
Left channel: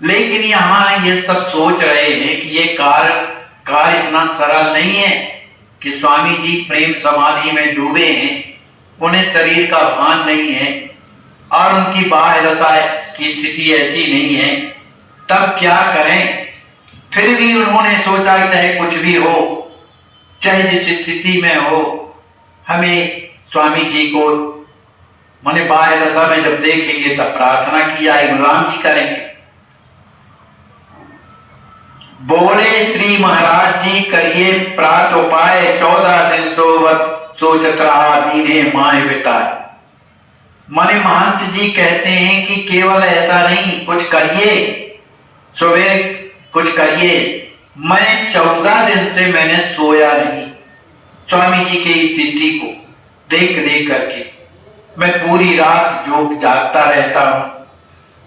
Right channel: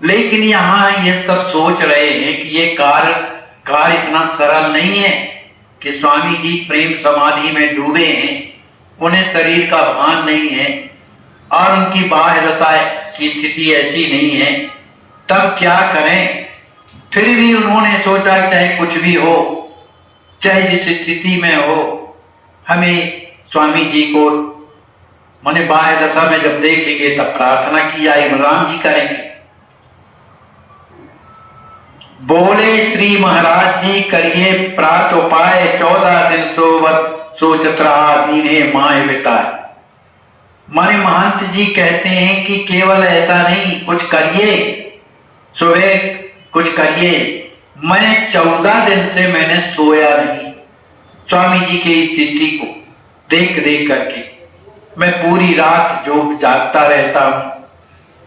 लेकिन यहां ये सब सोच रहे हैं कि ये कार्य इतना सरल नहीं है कि स्वामी जी प्रेम समाधि में डूबे हैं, उन्हें शरीर का भान नहीं है और उनकी बाह्य दशा की स्थिति ऐसी नहीं है, तब क्या करें। फिर भी उन्होंने सोचा चाहे कुछ भी हो, चाहे जिस स्थिति में हो, हमें स्वामी जी को माने बाह्य दशा में जब देखेंगे तब प्रार्थना की जाए, राम जी करेंगे। बोले श्री महाराज जी करिए प्रात उपाय, 14 दिन सोचत रहा दीने माए बिताए। माने महंत जी कहते हैं कि केवल ऐसा नहीं, कुछ करिए, सुबह कुछ करिए। मैं 14 दिन से मैंने सोया नहीं। स्वामी जी की स्थिति को देख देख करके मैं पूरी रात जो जागता रहता हूं,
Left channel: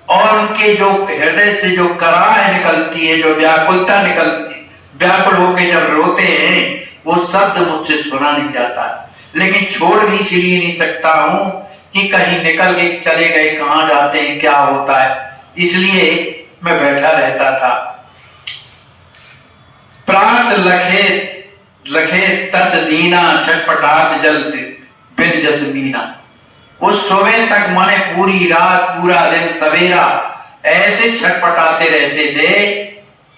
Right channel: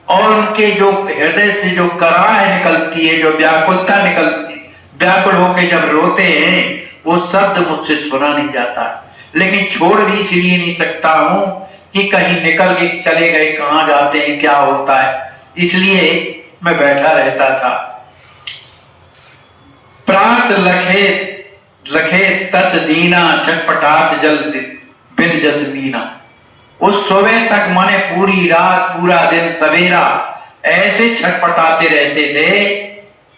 और उनके जो हृदय से जो कराह निकलती है, जो व्याकुलता निकलती, व्याकुल होकर जब रोते हैं, वो शब्द मुझसे सुना नहीं जाता। लेकिन छोड़ भी इसलिए नहीं सकता हूं कि कहीं निकल के चले गए, कहां जाते हैं, क्या होता है, इसलिए मैं बैठा रहता था। प्रात लखे लखे तस दीना, छटपटात जल बिन जसमीना। उस सुबह तक माने पूरी रात पूरा दिन सवेरा ऐसे छटपटाते रहते थे,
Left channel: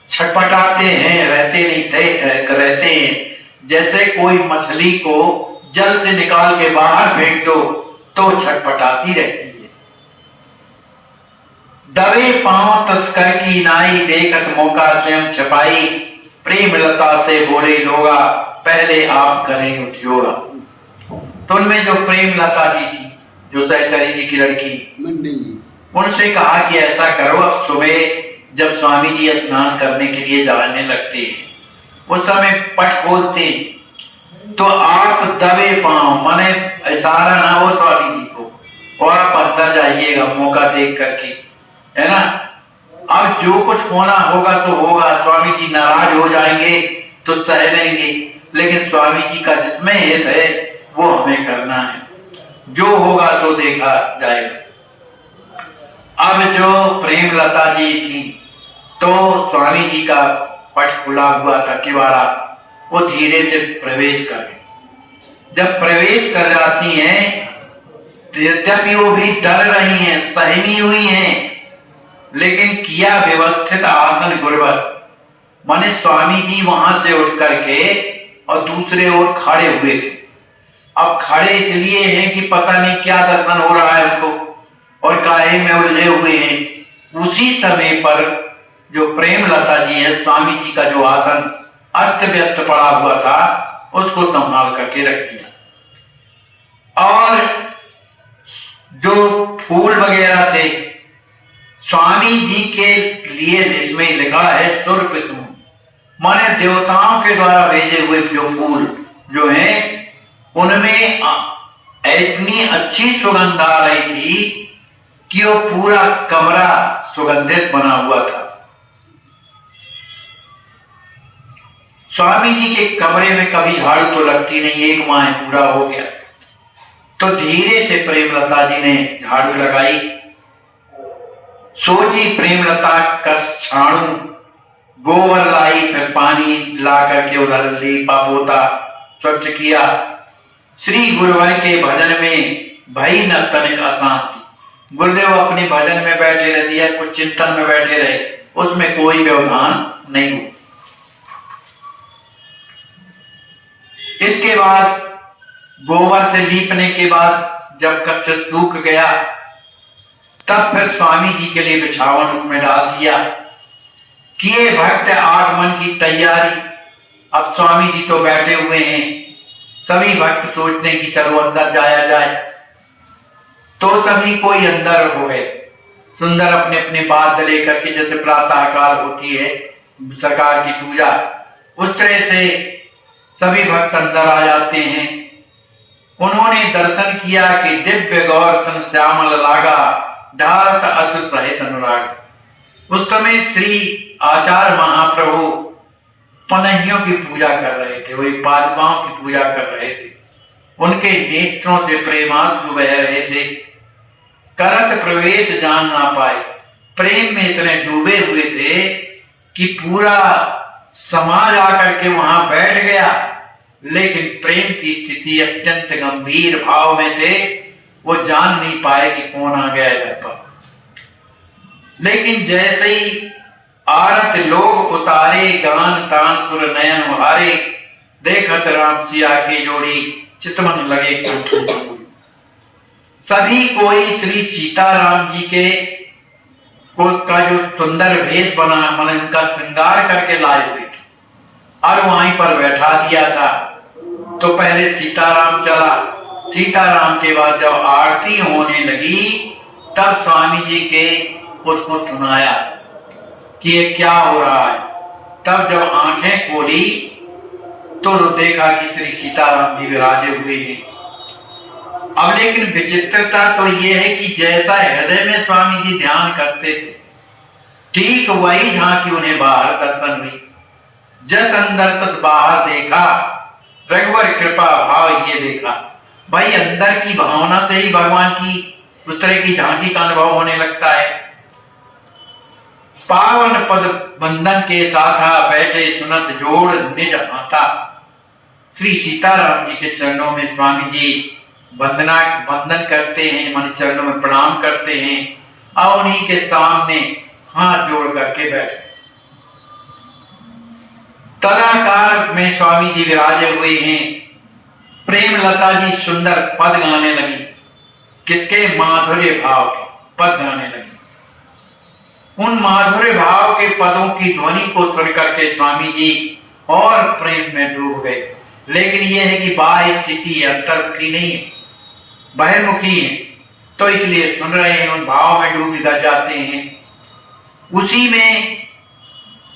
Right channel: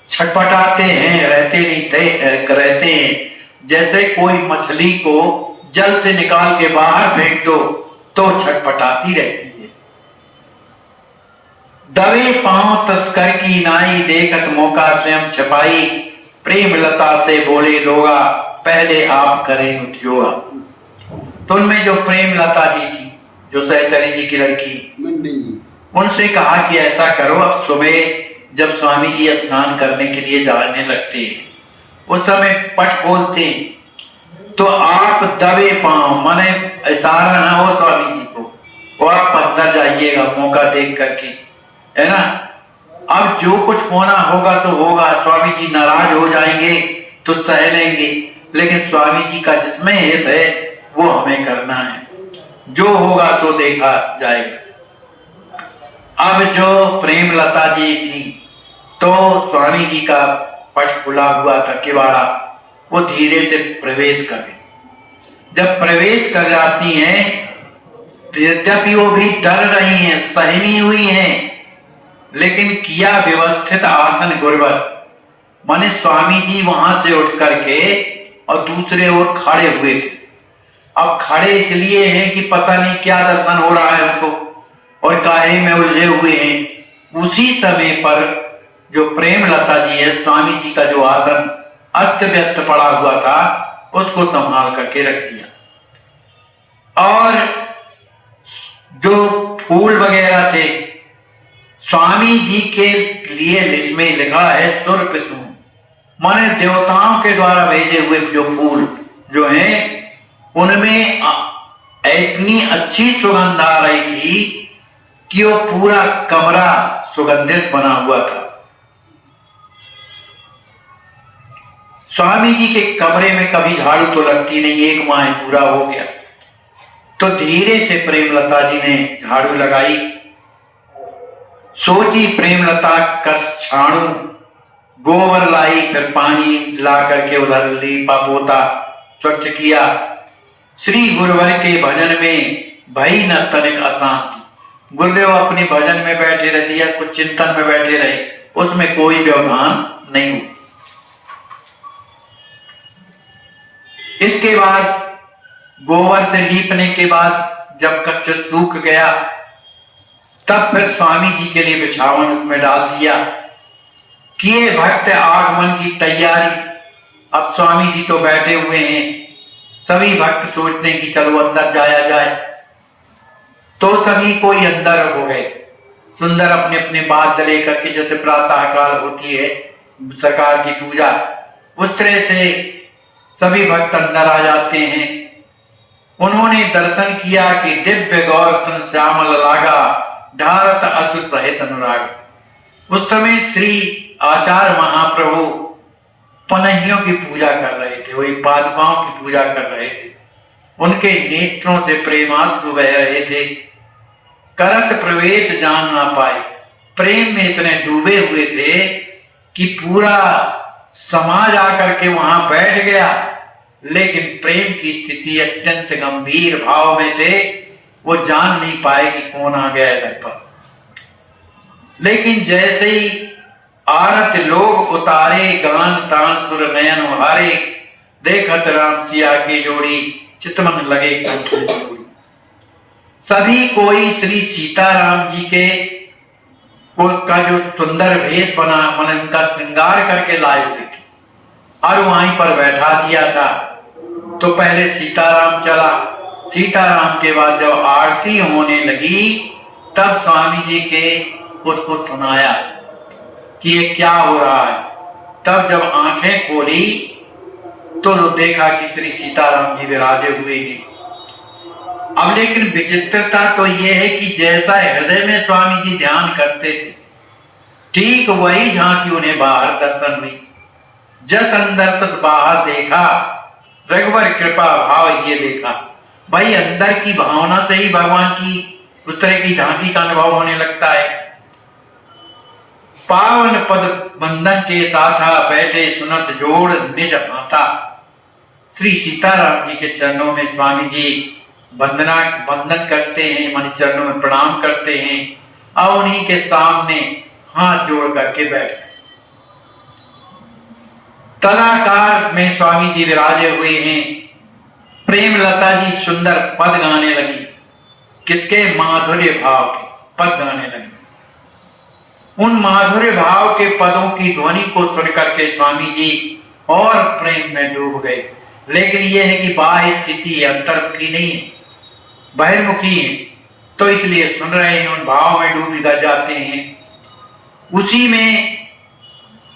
छटपटाते हैं, रहते नहीं थे, रहते हैं जैसे कोई मछली को जल से निकाल के बाहर फेंक दो तो छटपटाती रहती है। दबे पांव तस्कर की नाई, देखत मौका स्वयं छपाई, प्रेम लता से बोले लोगा, पहले आप करें उद्योगा। तो उनमें जो प्रेम लता जी थी, जो सहचरी जी की लड़की, उनसे कहा कि ऐसा करो, अब सुबह जब स्वामी जी स्नान करने के लिए जाने लगते हैं, उस समय पट खोलते तो आप दबे पांव, माने इशारा ना हो स्वामी जी को, और आप अंदर जाइएगा मौका देख करके, है ना। अब जो कुछ होना होगा तो होगा, स्वामी जी नाराज हो जाएंगे तो सह लेंगे, लेकिन स्वामी जी का जिसमें हित है वो हमें करना है, जो होगा तो देखा जाएगा। अब जो प्रेम लता जी थी, तो स्वामी जी का पट खुला हुआ था किवाड़ा, वो धीरे से प्रवेश कर गई। जब प्रवेश कर जाती हैं, यद्यपि वो भी डर रही हैं, सहमी हुई हैं, लेकिन किया व्यवस्थित आसन गुरबत, माने स्वामी जी वहां से उठ करके और दूसरे ओर खड़े हुए थे। अब खड़े इसलिए हैं कि पता नहीं क्या दर्शन हो रहा है उनको, और काहे में उलझे हुए हैं। उसी समय पर जो प्रेम लता जी है, स्वामी जी का जो आसन अस्त व्यस्त पड़ा हुआ था, उसको संभाल करके रख दिया। और जो फूल वगैरह थे, स्वामी जी के लिए इसमें लिखा है सुर्ख सुन, माने देवताओं के द्वारा भेजे हुए जो फूल जो हैं, उनमें इतनी अच्छी सुगंध आ रही थी कि वो पूरा कमरा सुगंधित बना हुआ था। स्वामी जी के कमरे में कभी झाड़ू तो लगती नहीं, 1 माह पूरा हो गया, तो धीरे से प्रेमलता जी ने झाड़ू लगाई। सोची प्रेमलता कस छाणु, गोबर लाई, फिर पानी ला करके उधर लीपा पोता स्वच्छ किया। श्री गुरुवर के भजन में भई न तनिक अशांति, गुरुदेव अपने भजन में बैठे रह दिया, कुछ चिंतन में बैठे रहे, उसमें कोई व्यवधान नहीं हुआ। इसके बाद गोबर से लीपने के बाद जब कक्ष सूख गया, तब फिर स्वामी जी के लिए बिछावन उसमें डाल दिया किए भक्त आगमन की तैयारी। अब स्वामी जी तो बैठे हुए हैं, सभी भक्त सोचते हैं कि चलो अंदर जाया जाए। तो सभी कोई अंदर हो गए, सुंदर अपने अपने बात लेकर के, जैसे प्रातः काल होती है सरकार की पूजा, उस तरह से सभी भक्त अंदर आ जाते हैं। उन्होंने दर्शन किया कि दिव्य गौर तन श्यामल लागा, ढारत असुर सहित अनुराग। उस समय श्री आचार्य महाप्रभु पनहियों की पूजा कर रहे थे, वही पादुकाओं की पूजा कर रहे थे। उनके नेत्रों से प्रेमाश्रु बह रहे थे, करत प्रवेश जान ना पाए। प्रेम में इतने डूबे हुए थे कि पूरा समाज आकर के वहां बैठ गया, लेकिन प्रेम की स्थिति अत्यंत गंभीर भाव में थे, वो जान नहीं पाए कि कौन आ गया इधर पर। लेकिन जैसे ही आरत लोग उतारे, गान तान सुर नयन हारे, देखत राम सिया की जोड़ी, चितवन लगे कोठी। सभी कोई श्री सीताराम जी के का जो सुंदर भेष बना, मन उनका श्रृंगार करके लाए हुए थे और वहीं पर बैठा दिया था। तो पहले सीताराम चला, सीताराम के बाद जब आरती होने लगी तब स्वामी जी के उसको सुनाया कि ये क्या हो रहा है। तब जब आंखें खोली तो देखा कि श्री सीताराम जी विराजे हुए हैं। अब लेकिन विचित्रता तो यह है कि जैसा हृदय में स्वामी जी ध्यान करते थे, ठीक वही झांकी उन्हें बाहर दर्शन हुई। जस अंदर तस बाहर देखा, रघुवर कृपा भाव ये देखा। भाई अंदर की भावना से ही भगवान की उस तरह की झांकी का अनुभव होने लगता है। पावन पद बंधन के साथा, बैठे सुनत जोड़ निज माता। श्री सीताराम जी के चरणों में स्वामी जी वंदन करते हैं, मन चरणों में प्रणाम करते हैं और उन्हीं के सामने हाथ जोड़ करके बैठ गए। तलाकार में स्वामी जी विराजे हुए हैं। प्रेम लता जी सुंदर पद गाने लगी, किसके? माधुर्य भाव के पद गाने लगी। उन माधुर्य भाव के पदों की ध्वनि को सुन करके स्वामी जी और प्रेम में डूब गए। लेकिन यह है कि बाह्य स्थिति अंतर्मुखी नहीं है, बहिर्मुखी है, तो इसलिए सुन रहे हैं, उन भाव में डूब जाते हैं। उसी में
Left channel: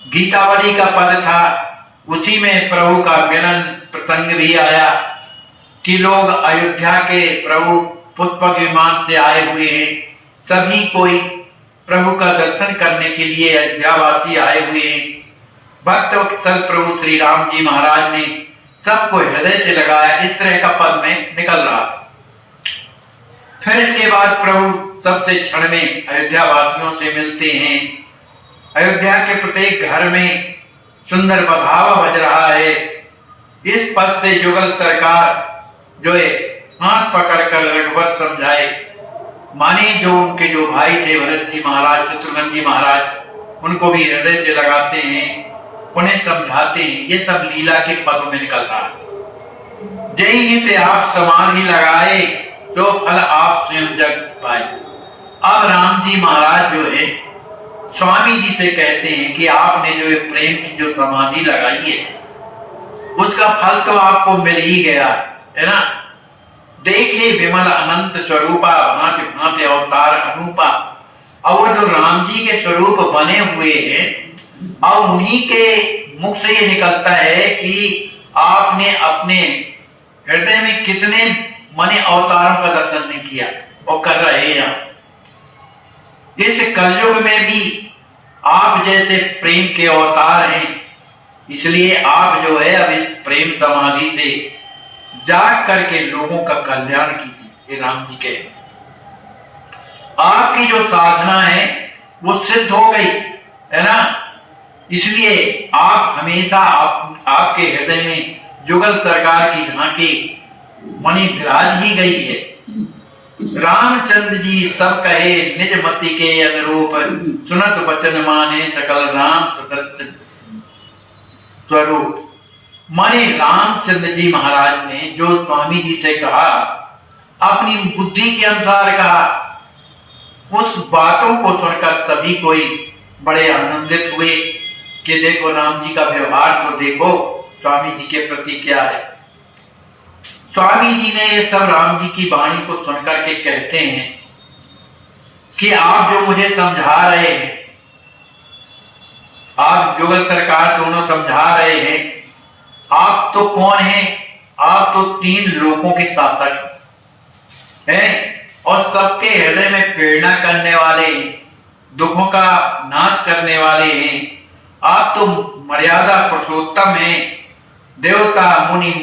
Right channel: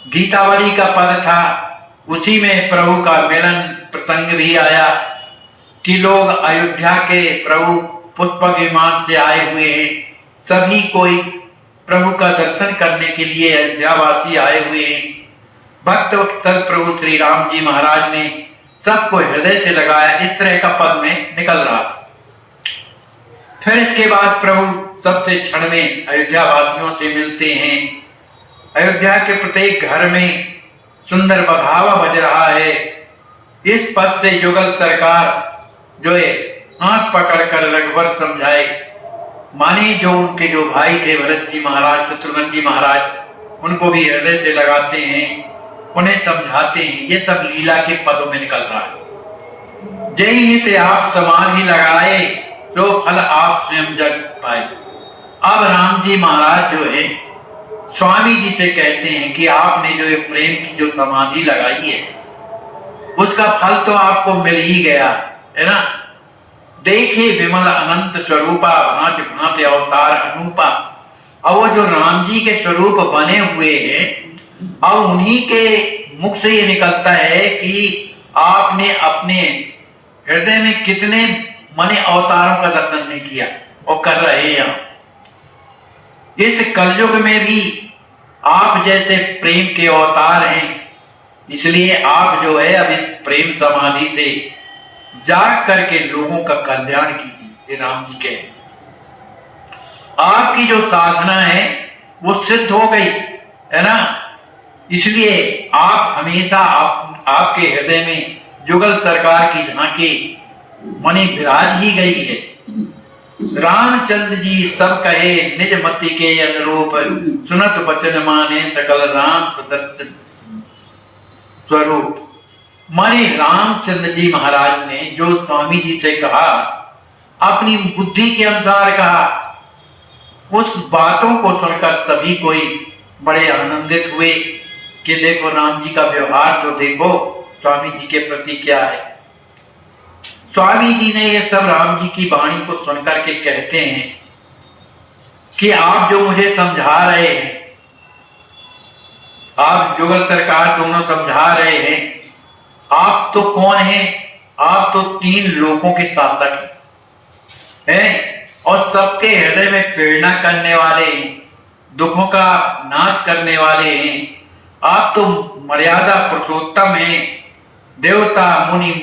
गीतावली का पद था, उसी में प्रभु का मिलन प्रसंग भी आया कि लोग अयोध्या के प्रभु पुष्पक विमान से आए हुए हैं। सभी कोई प्रभु का दर्शन करने के लिए अयोध्यावासी आए हुए हैं। भक्त वत्सल प्रभु श्री राम जी महाराज ने सबको हृदय से लगाया। इस तरह का पद में निकल रहा था। फिर इसके बाद प्रभु सबसे क्षण में अयोध्या वासियों से मिलते हैं। अयोध्या के प्रत्येक घर में सुंदर बधावा बज रहा है। इस पद से युगल सरकार जो है हाथ पकड़कर रघुवर समझाए, माने जो उनके जो भाई थे भरत जी महाराज, शत्रुघ्न जी महाराज, उनको भी हृदय से लगाते हैं, उन्हें समझाते हैं। ये सब लीला के पदों में निकल रहा है। जय हित आप समान ही लगाए, जो फल आप स्वयं जग पाए। अब राम जी महाराज जो है स्वामी जी से कहते हैं कि आपने जो प्रेम की जो समाधि लगाई है, उसका फल तो आपको मिल ही गया है ना। देखे विमल अनंत स्वरूपा, भांति भांति अवतार अनूपा। और वो जो राम जी के स्वरूप बने हुए हैं, और उन्हीं के मुख से ये निकलता है कि आपने अपने हृदय में कितने माने अवतारों का दर्शन नहीं किया और कर रहे हैं। इस कलयुग में भी आप जैसे प्रेम के अवतार हैं, इसलिए आप जो है अब इस प्रेम समाधि से जाग करके लोगों का कल्याण कीजिए। ये राम जी के आपकी जो साधना है वो सिद्ध हो गई है ना। इसलिए आप हमेशा आपके हृदय में जुगल सरकार की झांकी मणि विराज ही गई है। रामचंद्र जी सब कहे निज मति के अनुरूप, सुनत वचन माने सकल राम सदस्य स्वरूप। माने रामचंद्र जी महाराज ने जो स्वामी जी से कहा, अपनी बुद्धि के अनुसार कहा, उस बातों को सुनकर सभी कोई बड़े आनंदित हुए कि देखो राम जी का व्यवहार तो देखो स्वामी जी के प्रति क्या है। स्वामी जी ने ये सब राम जी की वाणी को सुनकर के कहते हैं कि आप जो मुझे समझा रहे हैं, आप जुगल सरकार दोनों समझा रहे हैं, आप तो कौन हैं? आप तो 3 लोकों के शासक हैं और सबके हृदय में प्रेरणा करने वाले हैं, दुखों का नाश करने वाले हैं। आप तो मर्यादा पुरुषोत्तम हैं, देवता मुनि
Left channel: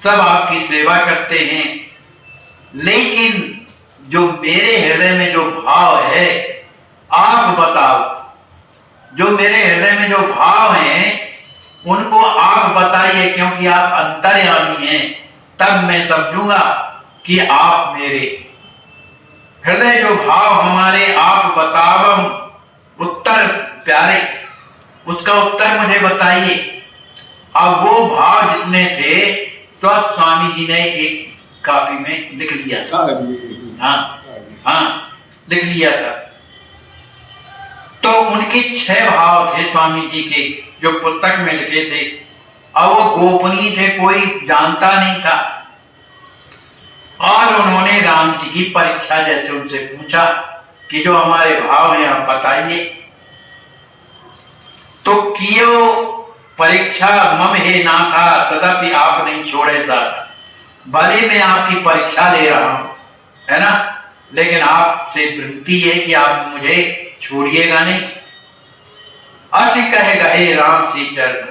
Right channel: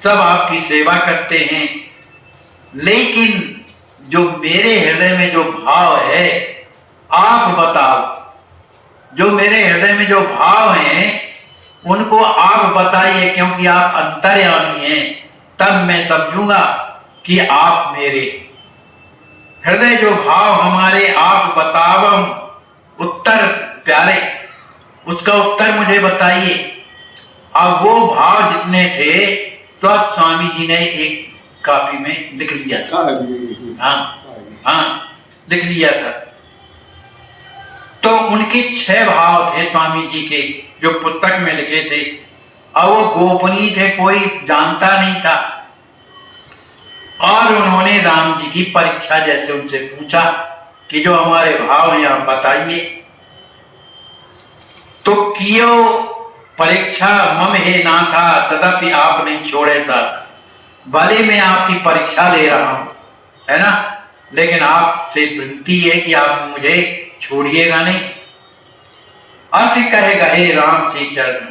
सब आपकी सेवा करते हैं। लेकिन जो मेरे हृदय में जो भाव है, आप बताओ, जो मेरे हृदय में जो भाव हैं उनको आप बताइए, क्योंकि आप अंतर्यामी हैं। तब मैं समझूंगा कि आप मेरे हृदय जो भाव हमारे आप बतावम उत्तर प्यारे, उसका उत्तर मुझे बताइए। अब वो भाव जितने थे सब स्वामी जी ने एक कॉपी में लिख लिया था। हाँ, लिख लिया था। तो उनके 6 भाव थे स्वामी जी के, जो पुस्तक में लिखे थे, और वो गोपनीय थे, कोई जानता नहीं था। और उन्होंने राम जी की परीक्षा जैसे उनसे पूछा कि जो हमारे भाव हैं आप बताइए। तो कियो परीक्षा मम हे ना था, तथापि आप नहीं छोड़े था। भले मैं आपकी परीक्षा ले रहा हूं, है ना, लेकिन आपसे विनती है कि आप मुझे छोड़िएगा नहीं। असी कहेगा हे राम श्री चरण,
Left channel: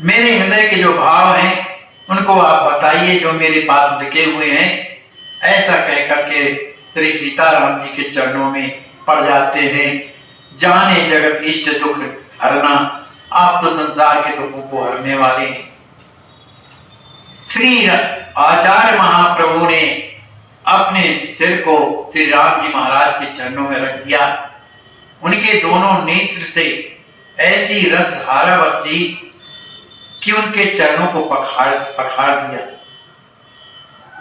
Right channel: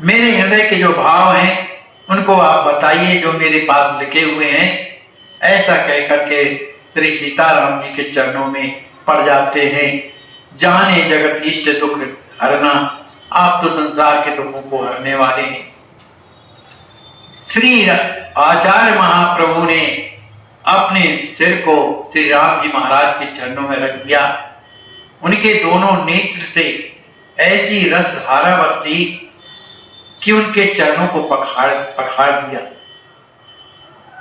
मेरे हृदय के जो भाव हैं उनको आप बताइए, जो मेरे पास लिखे हुए हैं। ऐसा कहकर के श्री सीताराम जी के चरणों में पड़ जाते हैं। जाने जगत इष्ट दुख हरना, आप तो संसार के दुखों को हरने वाले हैं। श्री आचार्य महाप्रभु ने अपने सिर को श्री राम जी महाराज के चरणों में रख दिया। उनके दोनों नेत्र से ऐसी रस धारा बरसी कि उनके चरणों को पखाड़ दिया।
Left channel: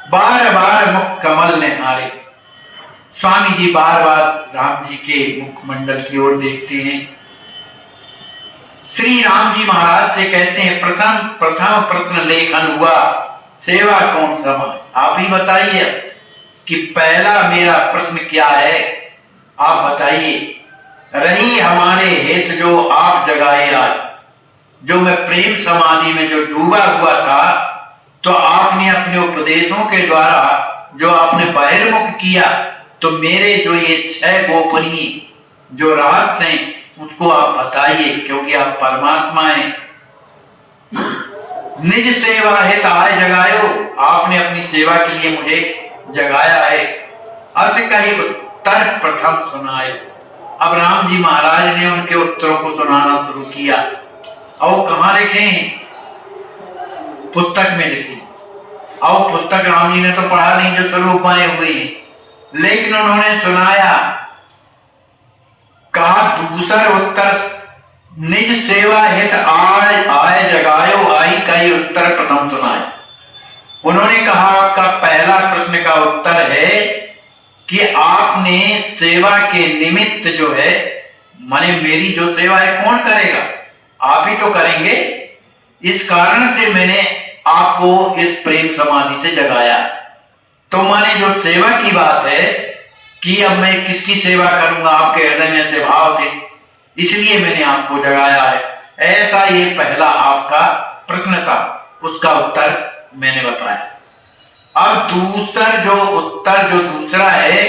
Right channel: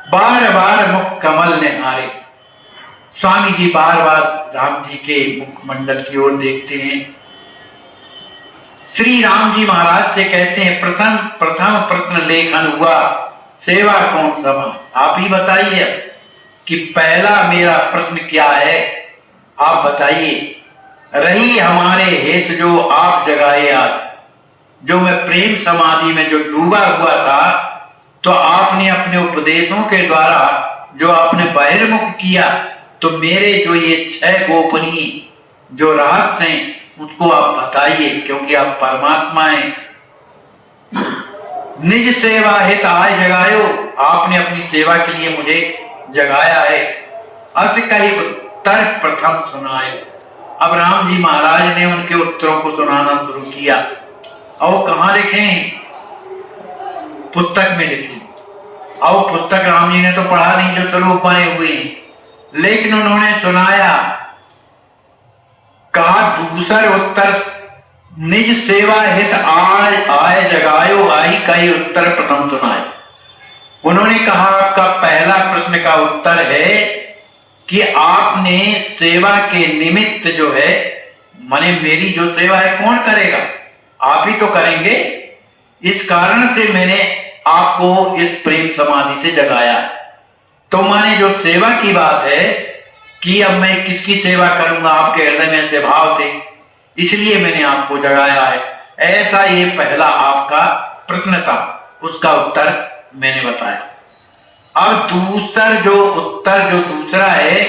बार बार मुख कमल ने हारे। स्वामी जी बार बार राम जी के मुखमंडल की ओर देखते हैं। श्री राम जी महाराज से कहते हैं, प्रथम प्रश्न लेखन हुआ, सेवा कौन समा। आप ही बताइए कि पहला मेरा प्रश्न क्या है, आप बताइए। रही हमारे हेतु जो आप जगाए आज, जो मैं प्रेम समाधि में जो डूबा हुआ था, तो आपने अपने उपदेशों के द्वारा जो आपने बहिर्मुख किया, तो मेरे जो ये 6 गोपनीय जो रहस्य हैं उसको आप बताइए, क्योंकि आप परमात्मा हैं। निज सेवा हित आय जगायो, आपने अपनी सेवा के लिए मुझे जगाया है। अस कही उत्तर प्रथम सुनाए। अब राम जी महाराज ने उनके उत्तरों को सुनाना शुरू किया। और कहाँ लिखे हैं? पुस्तक में लिखी। और पुस्तक राम जी ने तो पढ़ा नहीं, जो स्वरूप बने हुए हैं, लेकिन उन्होंने सुनाया। कहा दूसर उत्तर, निज सेवा हित आय जगायो, आई कई उत्तर प्रथम सुनाए। उन्होंने कहा आपका पहला प्रश्न का उत्तर है कि आपने सेवा के निमित्त जो है, माने मेरी जो सेवा है कौन करेगा, आप ही तो करेंगे। इस कारण से मैंने आपको इस प्रेम समाधि से जगाया। तो माने जो सेवा की बात है कि अब मैं किसकी सेवा करूंगा, आपके हृदय में ऐसे भाव थे, इसलिए मैंने आपको जगाया है। ऐसा ये पहला आपका प्रश्न था, उसका उत्तर मैंने बताया। अब उत्तर जो दूसरा है,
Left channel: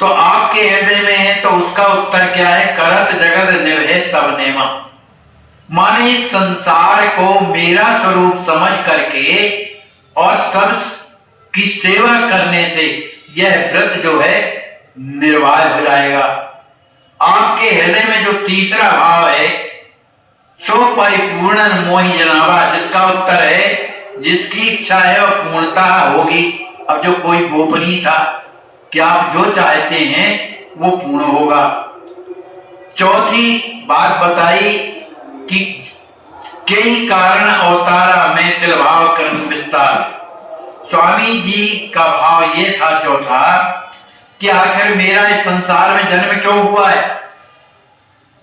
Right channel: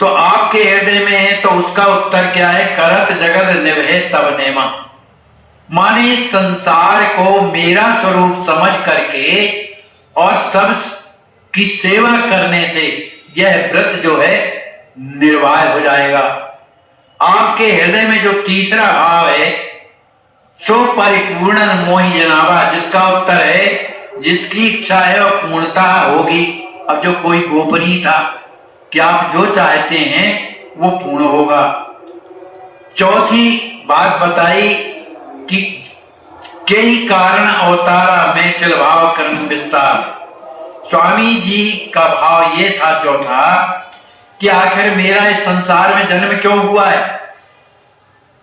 तो आपके हृदय में है, तो उसका उत्तर क्या है? करत जगत निभे तब नेमा। माने संसार को मेरा स्वरूप समझ करके और सब की सेवा करने से यह व्रत जो है निर्वाह हो जाएगा। आपके हृदय में जो तीसरा भाव है, सो परिपूर्ण मोहि जनावा, जिसका उत्तर है जिसकी इच्छा है और पूर्णता होगी। अब जो कोई गोपनीय था कि आप जो चाहते हैं वो पूर्ण होगा। चौथी बात बताई कि कई कारण अवतारा में तिल भाव कर्म विस्तार। स्वामी जी का भाव ये था चौथा कि आखिर मेरा इस संसार में जन्म क्यों हुआ है,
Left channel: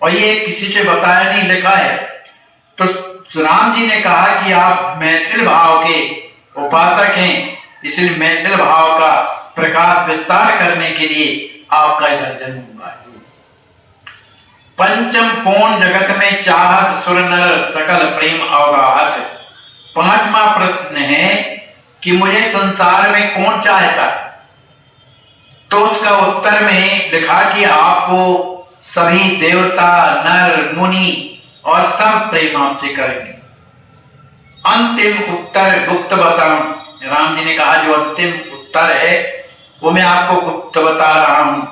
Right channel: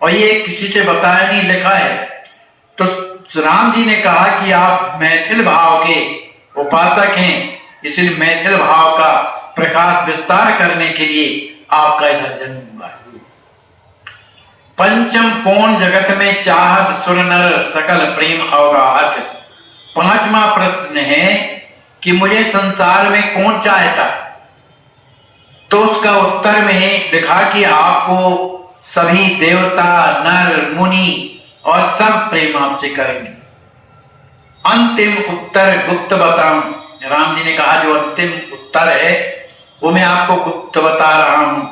और ये किसी से बताया नहीं, लिखा है। तो राम जी ने कहा कि आप मैथिल भाव के उपासक हैं, इसलिए मैथिल भाव का प्रकाश विस्तार करने के लिए आपका इधर जन्म हुआ है। पंचम कोण जगत में चाहत सुर नर सकल प्रेम अवगाहत। पांचवा प्रश्न है कि मुझे संसार में कौन चाहता है, तो उसका उत्तर में लिखा कि आपको सभी देवता नर मुनि और सब प्रेम आपसे करेंगे। अंतिम उत्तर गुप्त बताऊं, राम जी ने कहा जो अंतिम उत्तर है वो मैं आपको गुप्त बता रहा हूं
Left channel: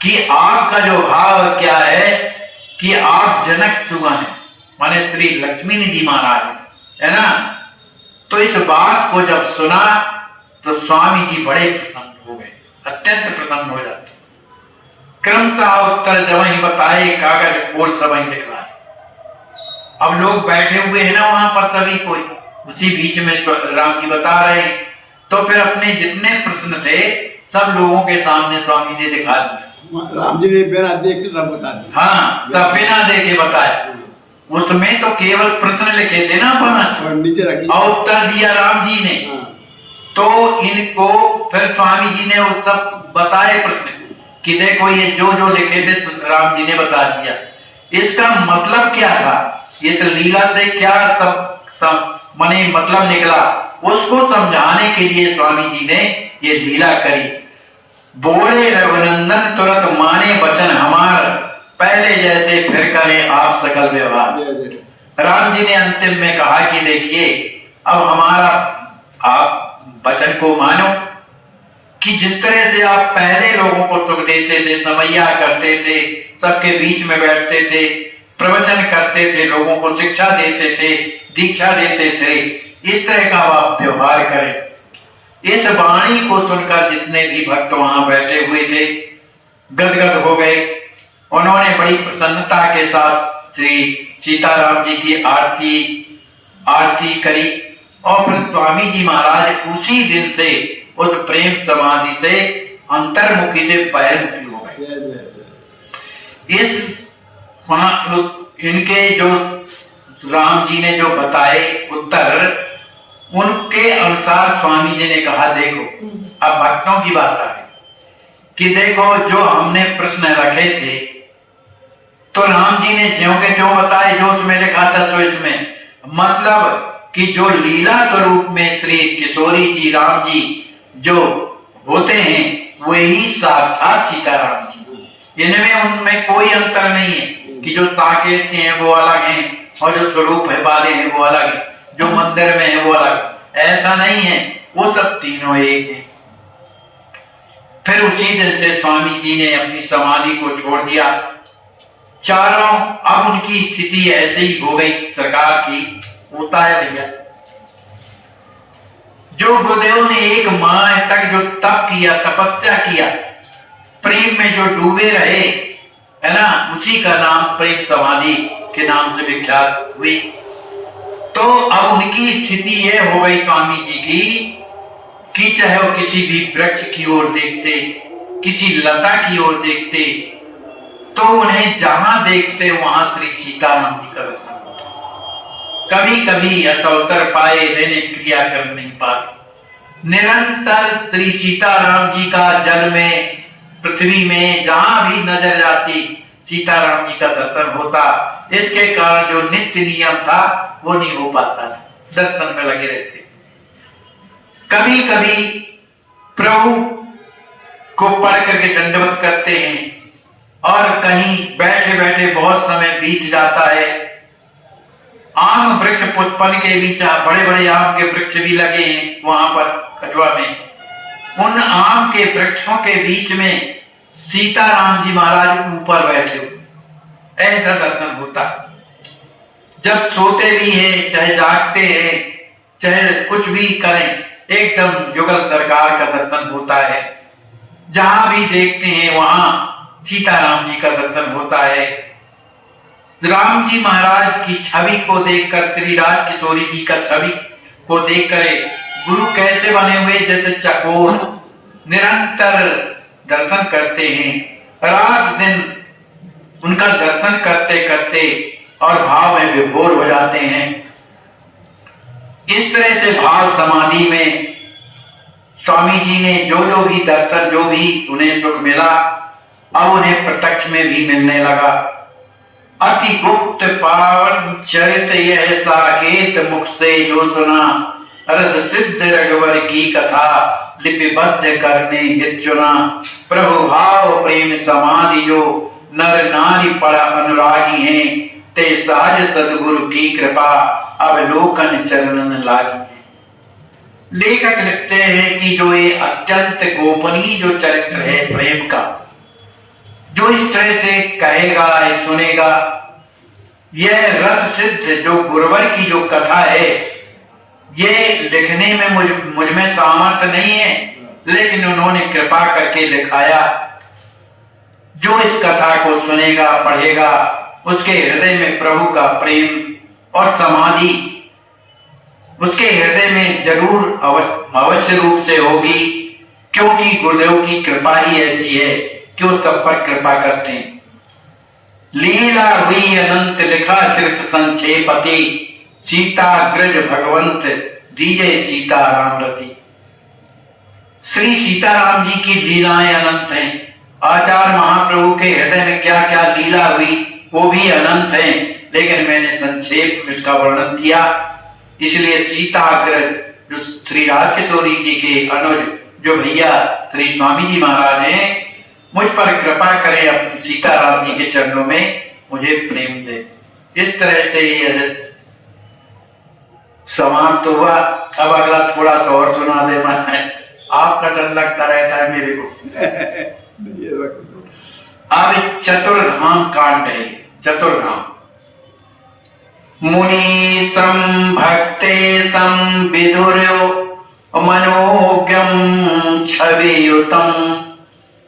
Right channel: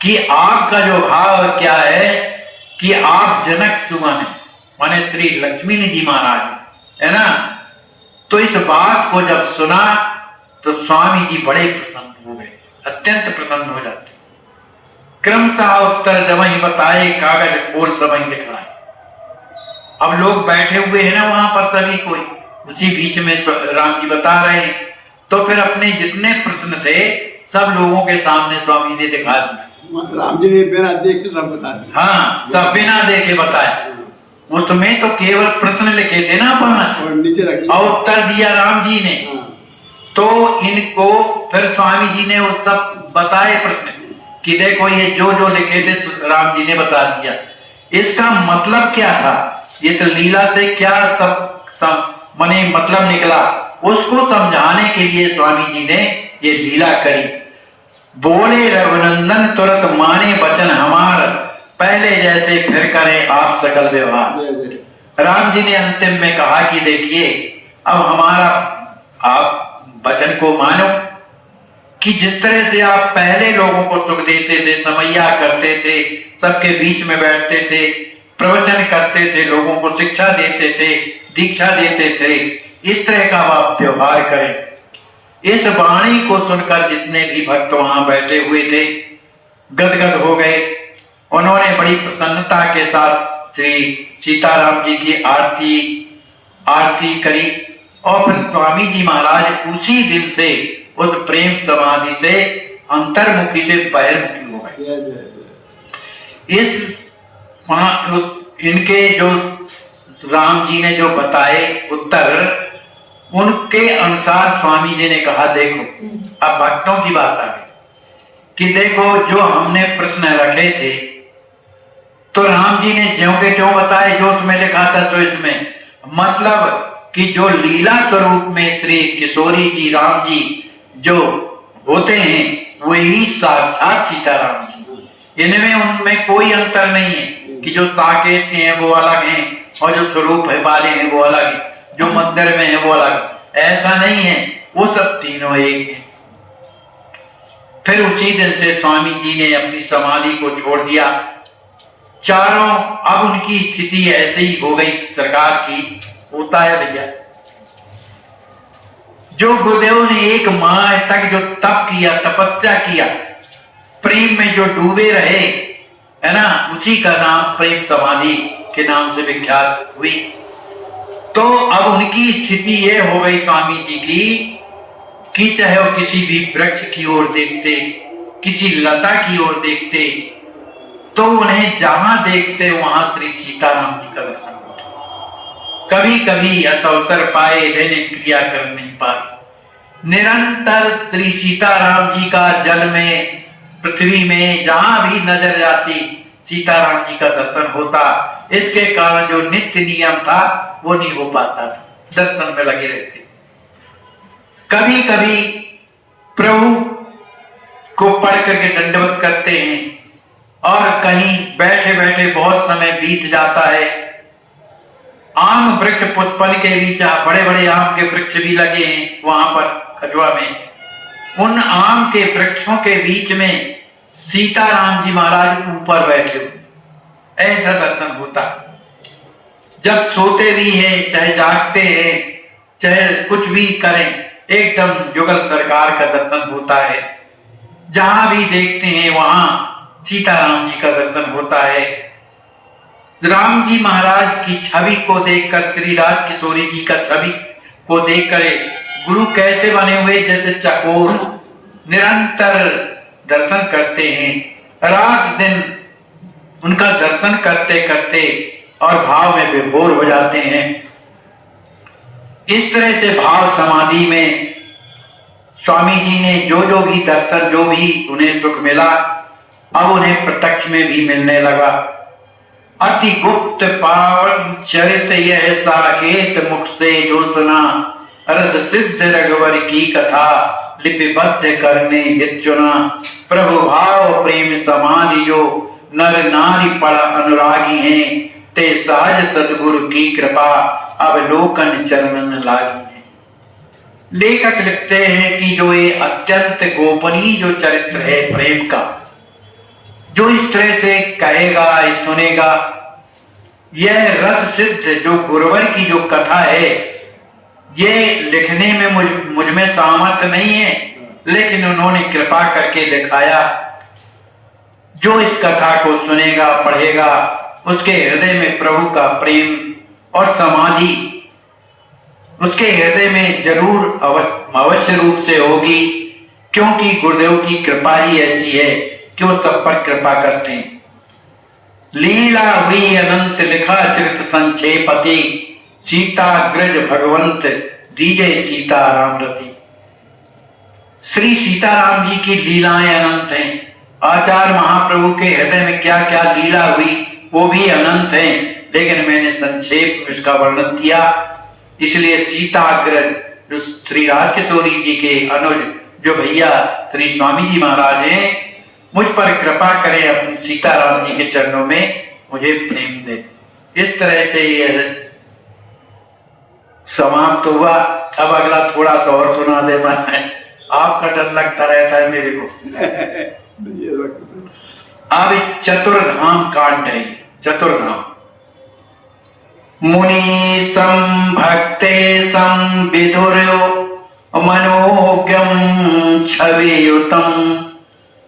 कि आपका जो भाव क्या है कि आप जनक सुमन है, माने श्री लक्ष्मी निधि महाराज है ना। तो इस बात को जब सुना तो स्वामी जी बड़े प्रसन्न हो गए, अत्यंत प्रसन्न हो जाते। क्रमशः उत्तर जब ही बताए कागज और समय दिखलाए। अब लोग बैठे हुए हैं ना वहां पर सभी कोई, उसी बीच में राम जी बता रहे हैं, तो फिर अपने जितने प्रश्न थे सब लोगों के सामने स्वामी जी दिखा दिया। राम जी ने बिना देखे सब बता दिया। हाँ, सब बिना देखे बताया। उसमें तो केवल प्रश्न लिखे थे ना 5 और नीचे रख दिया और उत्तर दिया राम जी ने। तो इनको फिर स्वामी जी ने वो सब बताए प्रश्न कि देखो ये जो जो लिखे थे राम जी ने बता दिया। इसका मतलब क्या था, इस लीला से क्या सब मने मतलब निकला, उसको समझाने के लिए स्वामी जी ने ये लीला करी। बोले रघुनंदन तुरंत माने वचन हमार, पहले जैसे फिर करें आप सकल व्यवहार। राम जी ने अंतिम में कहा कि देखिए अब हमारा आप वचन को मानो कि जिस तरह से आप पहले लोगों को सुख देते थे, समैया करते थे, सबके बीच में बैठते थे, प्रवचन करते थे, लोगों को शिक्षा देते थे, दीक्षा देते थे, इस तरह का आप व्यवहार करें। इस वाणी को सुनकर जितने भी भक्त वहां बैठे हुए थे गदगद हो गए। उन्होंने बड़ी प्रसन्नता के साथ श्री सीताराम जी की आरती करी और फिर स्वामी जी महाराज उसी दिन से उस प्रेम समाधि से अंतर्मुखी से बहिर्मुखी हो गए। इस इनके जो राम जी ने जो बताए उत्तर, उनके अनुसार स्वामी जी ने कहा देखो अब भक्तों की बात आ गई कि देखो जो हमने प्रश्न रखे थे तो राम जी ने ज्यों के त्यों बताए, जो उसमें लिखा था तो इसमें मतलब कि जो लीला स्वरूप में श्री किशोरी जी राम जी जो होते हैं वही साक्षात सीताराम जी। इनमें उनमें कोई अंतर नहीं है कि जो साकेत के हैं वो अलग हैं और जो स्वरूप है वाले हैं वो अलग है, जो मंदिर में है वो अलग, ऐसा नहीं है, वो सब तीनों एक है। फिर उसी दिन से स्वामी जी ने अपनी समाधि को छोड़ दिया। चारों अब उनकी स्थिति ऐसे ही हो गई सरकार की, होता है भैया। जो गुरुदेव ने 1 माह तक जो तप किया, तपस्या किया, प्रेम में जो डूबे रहे है ना, उसी का नाम प्रेम समाधि के नाम से विख्यात हुई। तो अब उनकी स्थिति ये हो गई स्वामी जी की कि चाहे वो किसी भी वृक्ष की ओर देखते, किसी लता की ओर देखते, तो उन्हें जहां देखते वहां श्री सीताराम जी का दर्शन होता। कभी कभी ऐसा अवसर पाए दैनिक क्रिया कर नहीं पाए, निरंतर श्री सीताराम जी का जल में पृथ्वी में जहां भी नजर जाती सीताराम जी का दर्शन होता। इसके कारण जो नित्य नियम था वो नहीं हो पाता था, दर्शन में लगे रहते। कभी कभी प्रभु को पढ़ करके दंडवत करते हैं और कहीं बैठे बैठे बहुत समय बीत जाता है। आम वृक्ष पुष्पन के बीच बड़े बड़े आम के वृक्ष भी लगे हैं वहां पर खजुआ में, उन आम के वृक्षों के बीच में सीताराम जी महाराज ऊपर बैठे हुए, ऐसा दर्शन होता। जब सोते भी हैं चाहे जागते हैं चाहे कुछ भी करें, एकदम युगल सरकार का दर्शन होता है। जहां भी देखते हैं वहां सीताराम जी का दर्शन होता है। राम जी महाराज की छवि को देखकर, श्री राज किशोरी जी का छवि को देखकर गुरु कैसे बने हुए, जैसे चकोर निरंतर दर्शन करते हैं, रात दिन उनका दर्शन करते करते और भाव में विभोर हो जाते हैं। इस तरह से भाव समाधि में स्वामी जी ने जो भी दर्शन, जो भी उन्हें सुख मिला, अब उन्हें प्रत्यक्ष में भी मिलने लगा। अति गुप्त पावन चरित यह साकेत मुख से जो सुना, रस सिद्ध रघुवर की कथा लिपिबद्ध करने हित चुना। प्रभु भाव प्रेम समाधि जो नर नारी पड़ा अनुरागी हैं, ते सहज सदगुरु की कृपा अवलोकन चरणन लागी है। लेखक लिखते हैं कि जो ये अत्यंत गोपनीय जो चरित्र है प्रेम का, जो इस तरह से कहेगा, सुनेगा, यह रस सिद्ध जो गुरुवर की जो कथा है, ये लिखने में मुझ में सामर्थ्य नहीं है, लेकिन उन्होंने कृपा करके लिखाया। जो इस कथा को सुनेगा, पढ़ेगा, उसके हृदय में प्रभु का प्रेम और समाधि उसके हृदय में जरूर अवश्य रूप से होगी, क्योंकि गुरुदेव की कृपा ही ऐसी है कि वो सब पर कृपा करते हैं। लीला हुई अनंत लिखा चरित संक्षेपति, सीताग्रज भगवंत दीजे सीताराम रति। श्री सीताराम जी की लीलाएं अनंत हैं। आचार्य महाप्रभु के हृदय में क्या क्या लीला हुई वो भी अनंत हैं, लेकिन मैंने संक्षेप में इसका वर्णन किया। इसलिए सीताग्रज जो श्री राज किशोरी जी के अनुज जो भैया श्री स्वामी जी महाराज हैं, मुझ पर कृपा करें, अपने सीताराम जी के चरणों में मुझे प्रेम दे। इस तरह से ये समाप्त हुआ। अब अगला थोड़ा सा और सुना दे। मैं आपका डर लगता रहता है मेरे को। अब चतुर्धाम कांड है। चतुर्धाम मुनि भक्ते विदुर मनोज्ञम छवियुतम,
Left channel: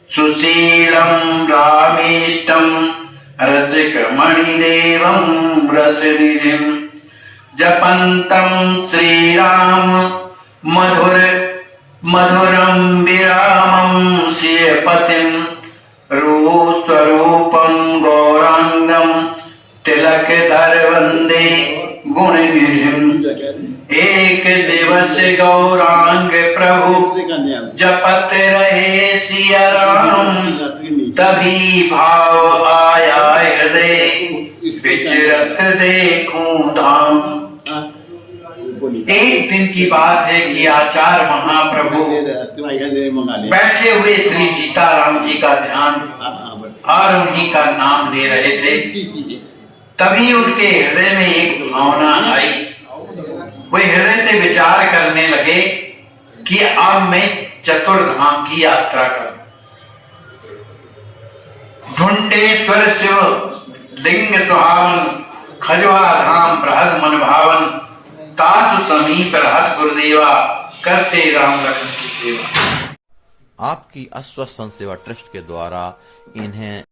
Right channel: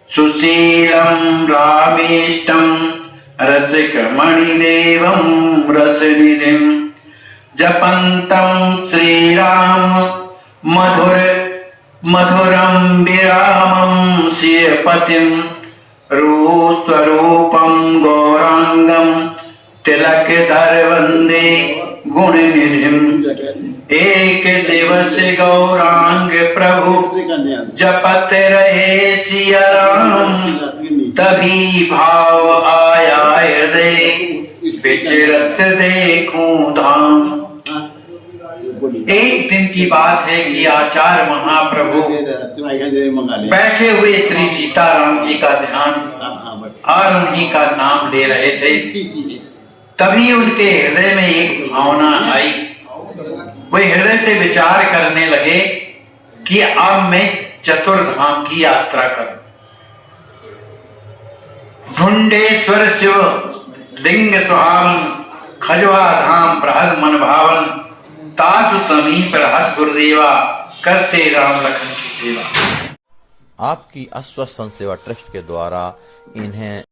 सुशीलम रामेष्टम रसिकमणिदेवम रसनिधिम, जपंतम श्रीराम मधुरम विरामम सियपतिम, रूपस्वरूपम गौरांगम तिलक धर वंदे गुण निधिम। एक दिवस गौरांग प्रभु जपत रहे सिया राम, तभी भाव आया हृदय विचरत देखूं धाम। एक दिन की बात है कि आचार्य महाप्रभु बैठे हुए श्री सीताराम जी का ध्यान और उन्हीं का नाम ले रहे थे। तभी उनके हृदय में एक भावना आई। वे हृदय से विचार करने लगे कि अब मैं चतुर्धाम की यात्रा करूं। ढूंढेश्वर शिव लिंग सुहावन, खजवा धाम बृहद मन भावन, तासु समीप रहत गुरुदेवा, करते राम लखन की सेवा। आपकी अस्वस्थ सेवा ट्रस्ट के द्वारा इन्हें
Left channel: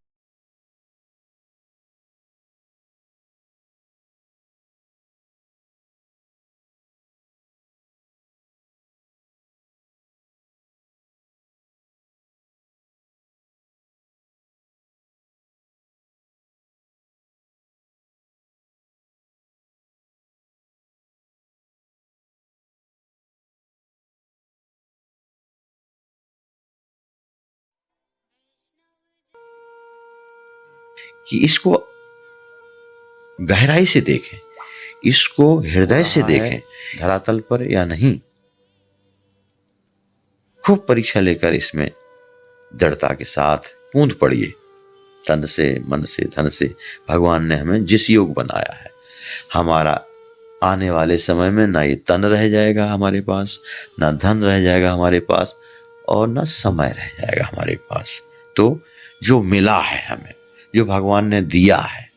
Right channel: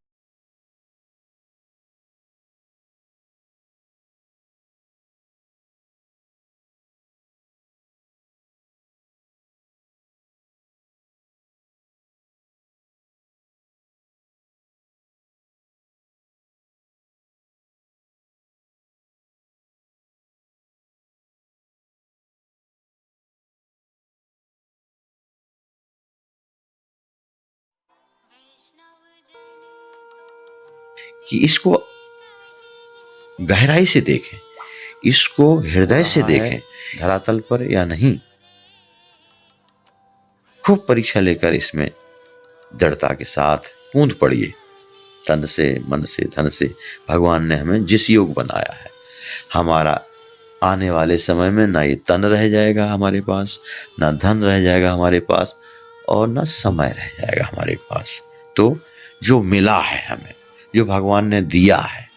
कि इसको गहराई से देखें, इसको हृदय से देखें, धरातल पर या नहीं। खूब परीक्षा लेकर इसमें दृढ़ता के साथ कूद पड़िए। तन से, मन से, धन से भगवान ने हमें जिस योग बनाया है, हमारा आने वाले समय में ना ये तन रह जाएगा हमारे पास, ना धन रह जाएगा हमारे पास, और ना समय रह जाएगा हमारे पास। तो जो मिला है हमें, जो भगवान ने दिया है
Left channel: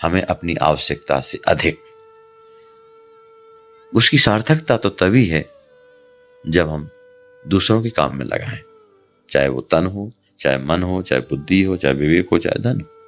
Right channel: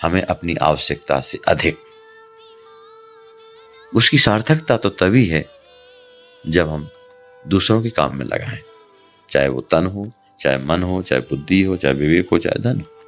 हमें अपनी आवश्यकता से अधिक, उसकी सार्थकता तो तभी है जब हम दूसरों के काम में लगाएं, चाहे वो तन हो, चाहे मन हो, चाहे बुद्धि हो, चाहे विवेक हो, चाहे धन हो।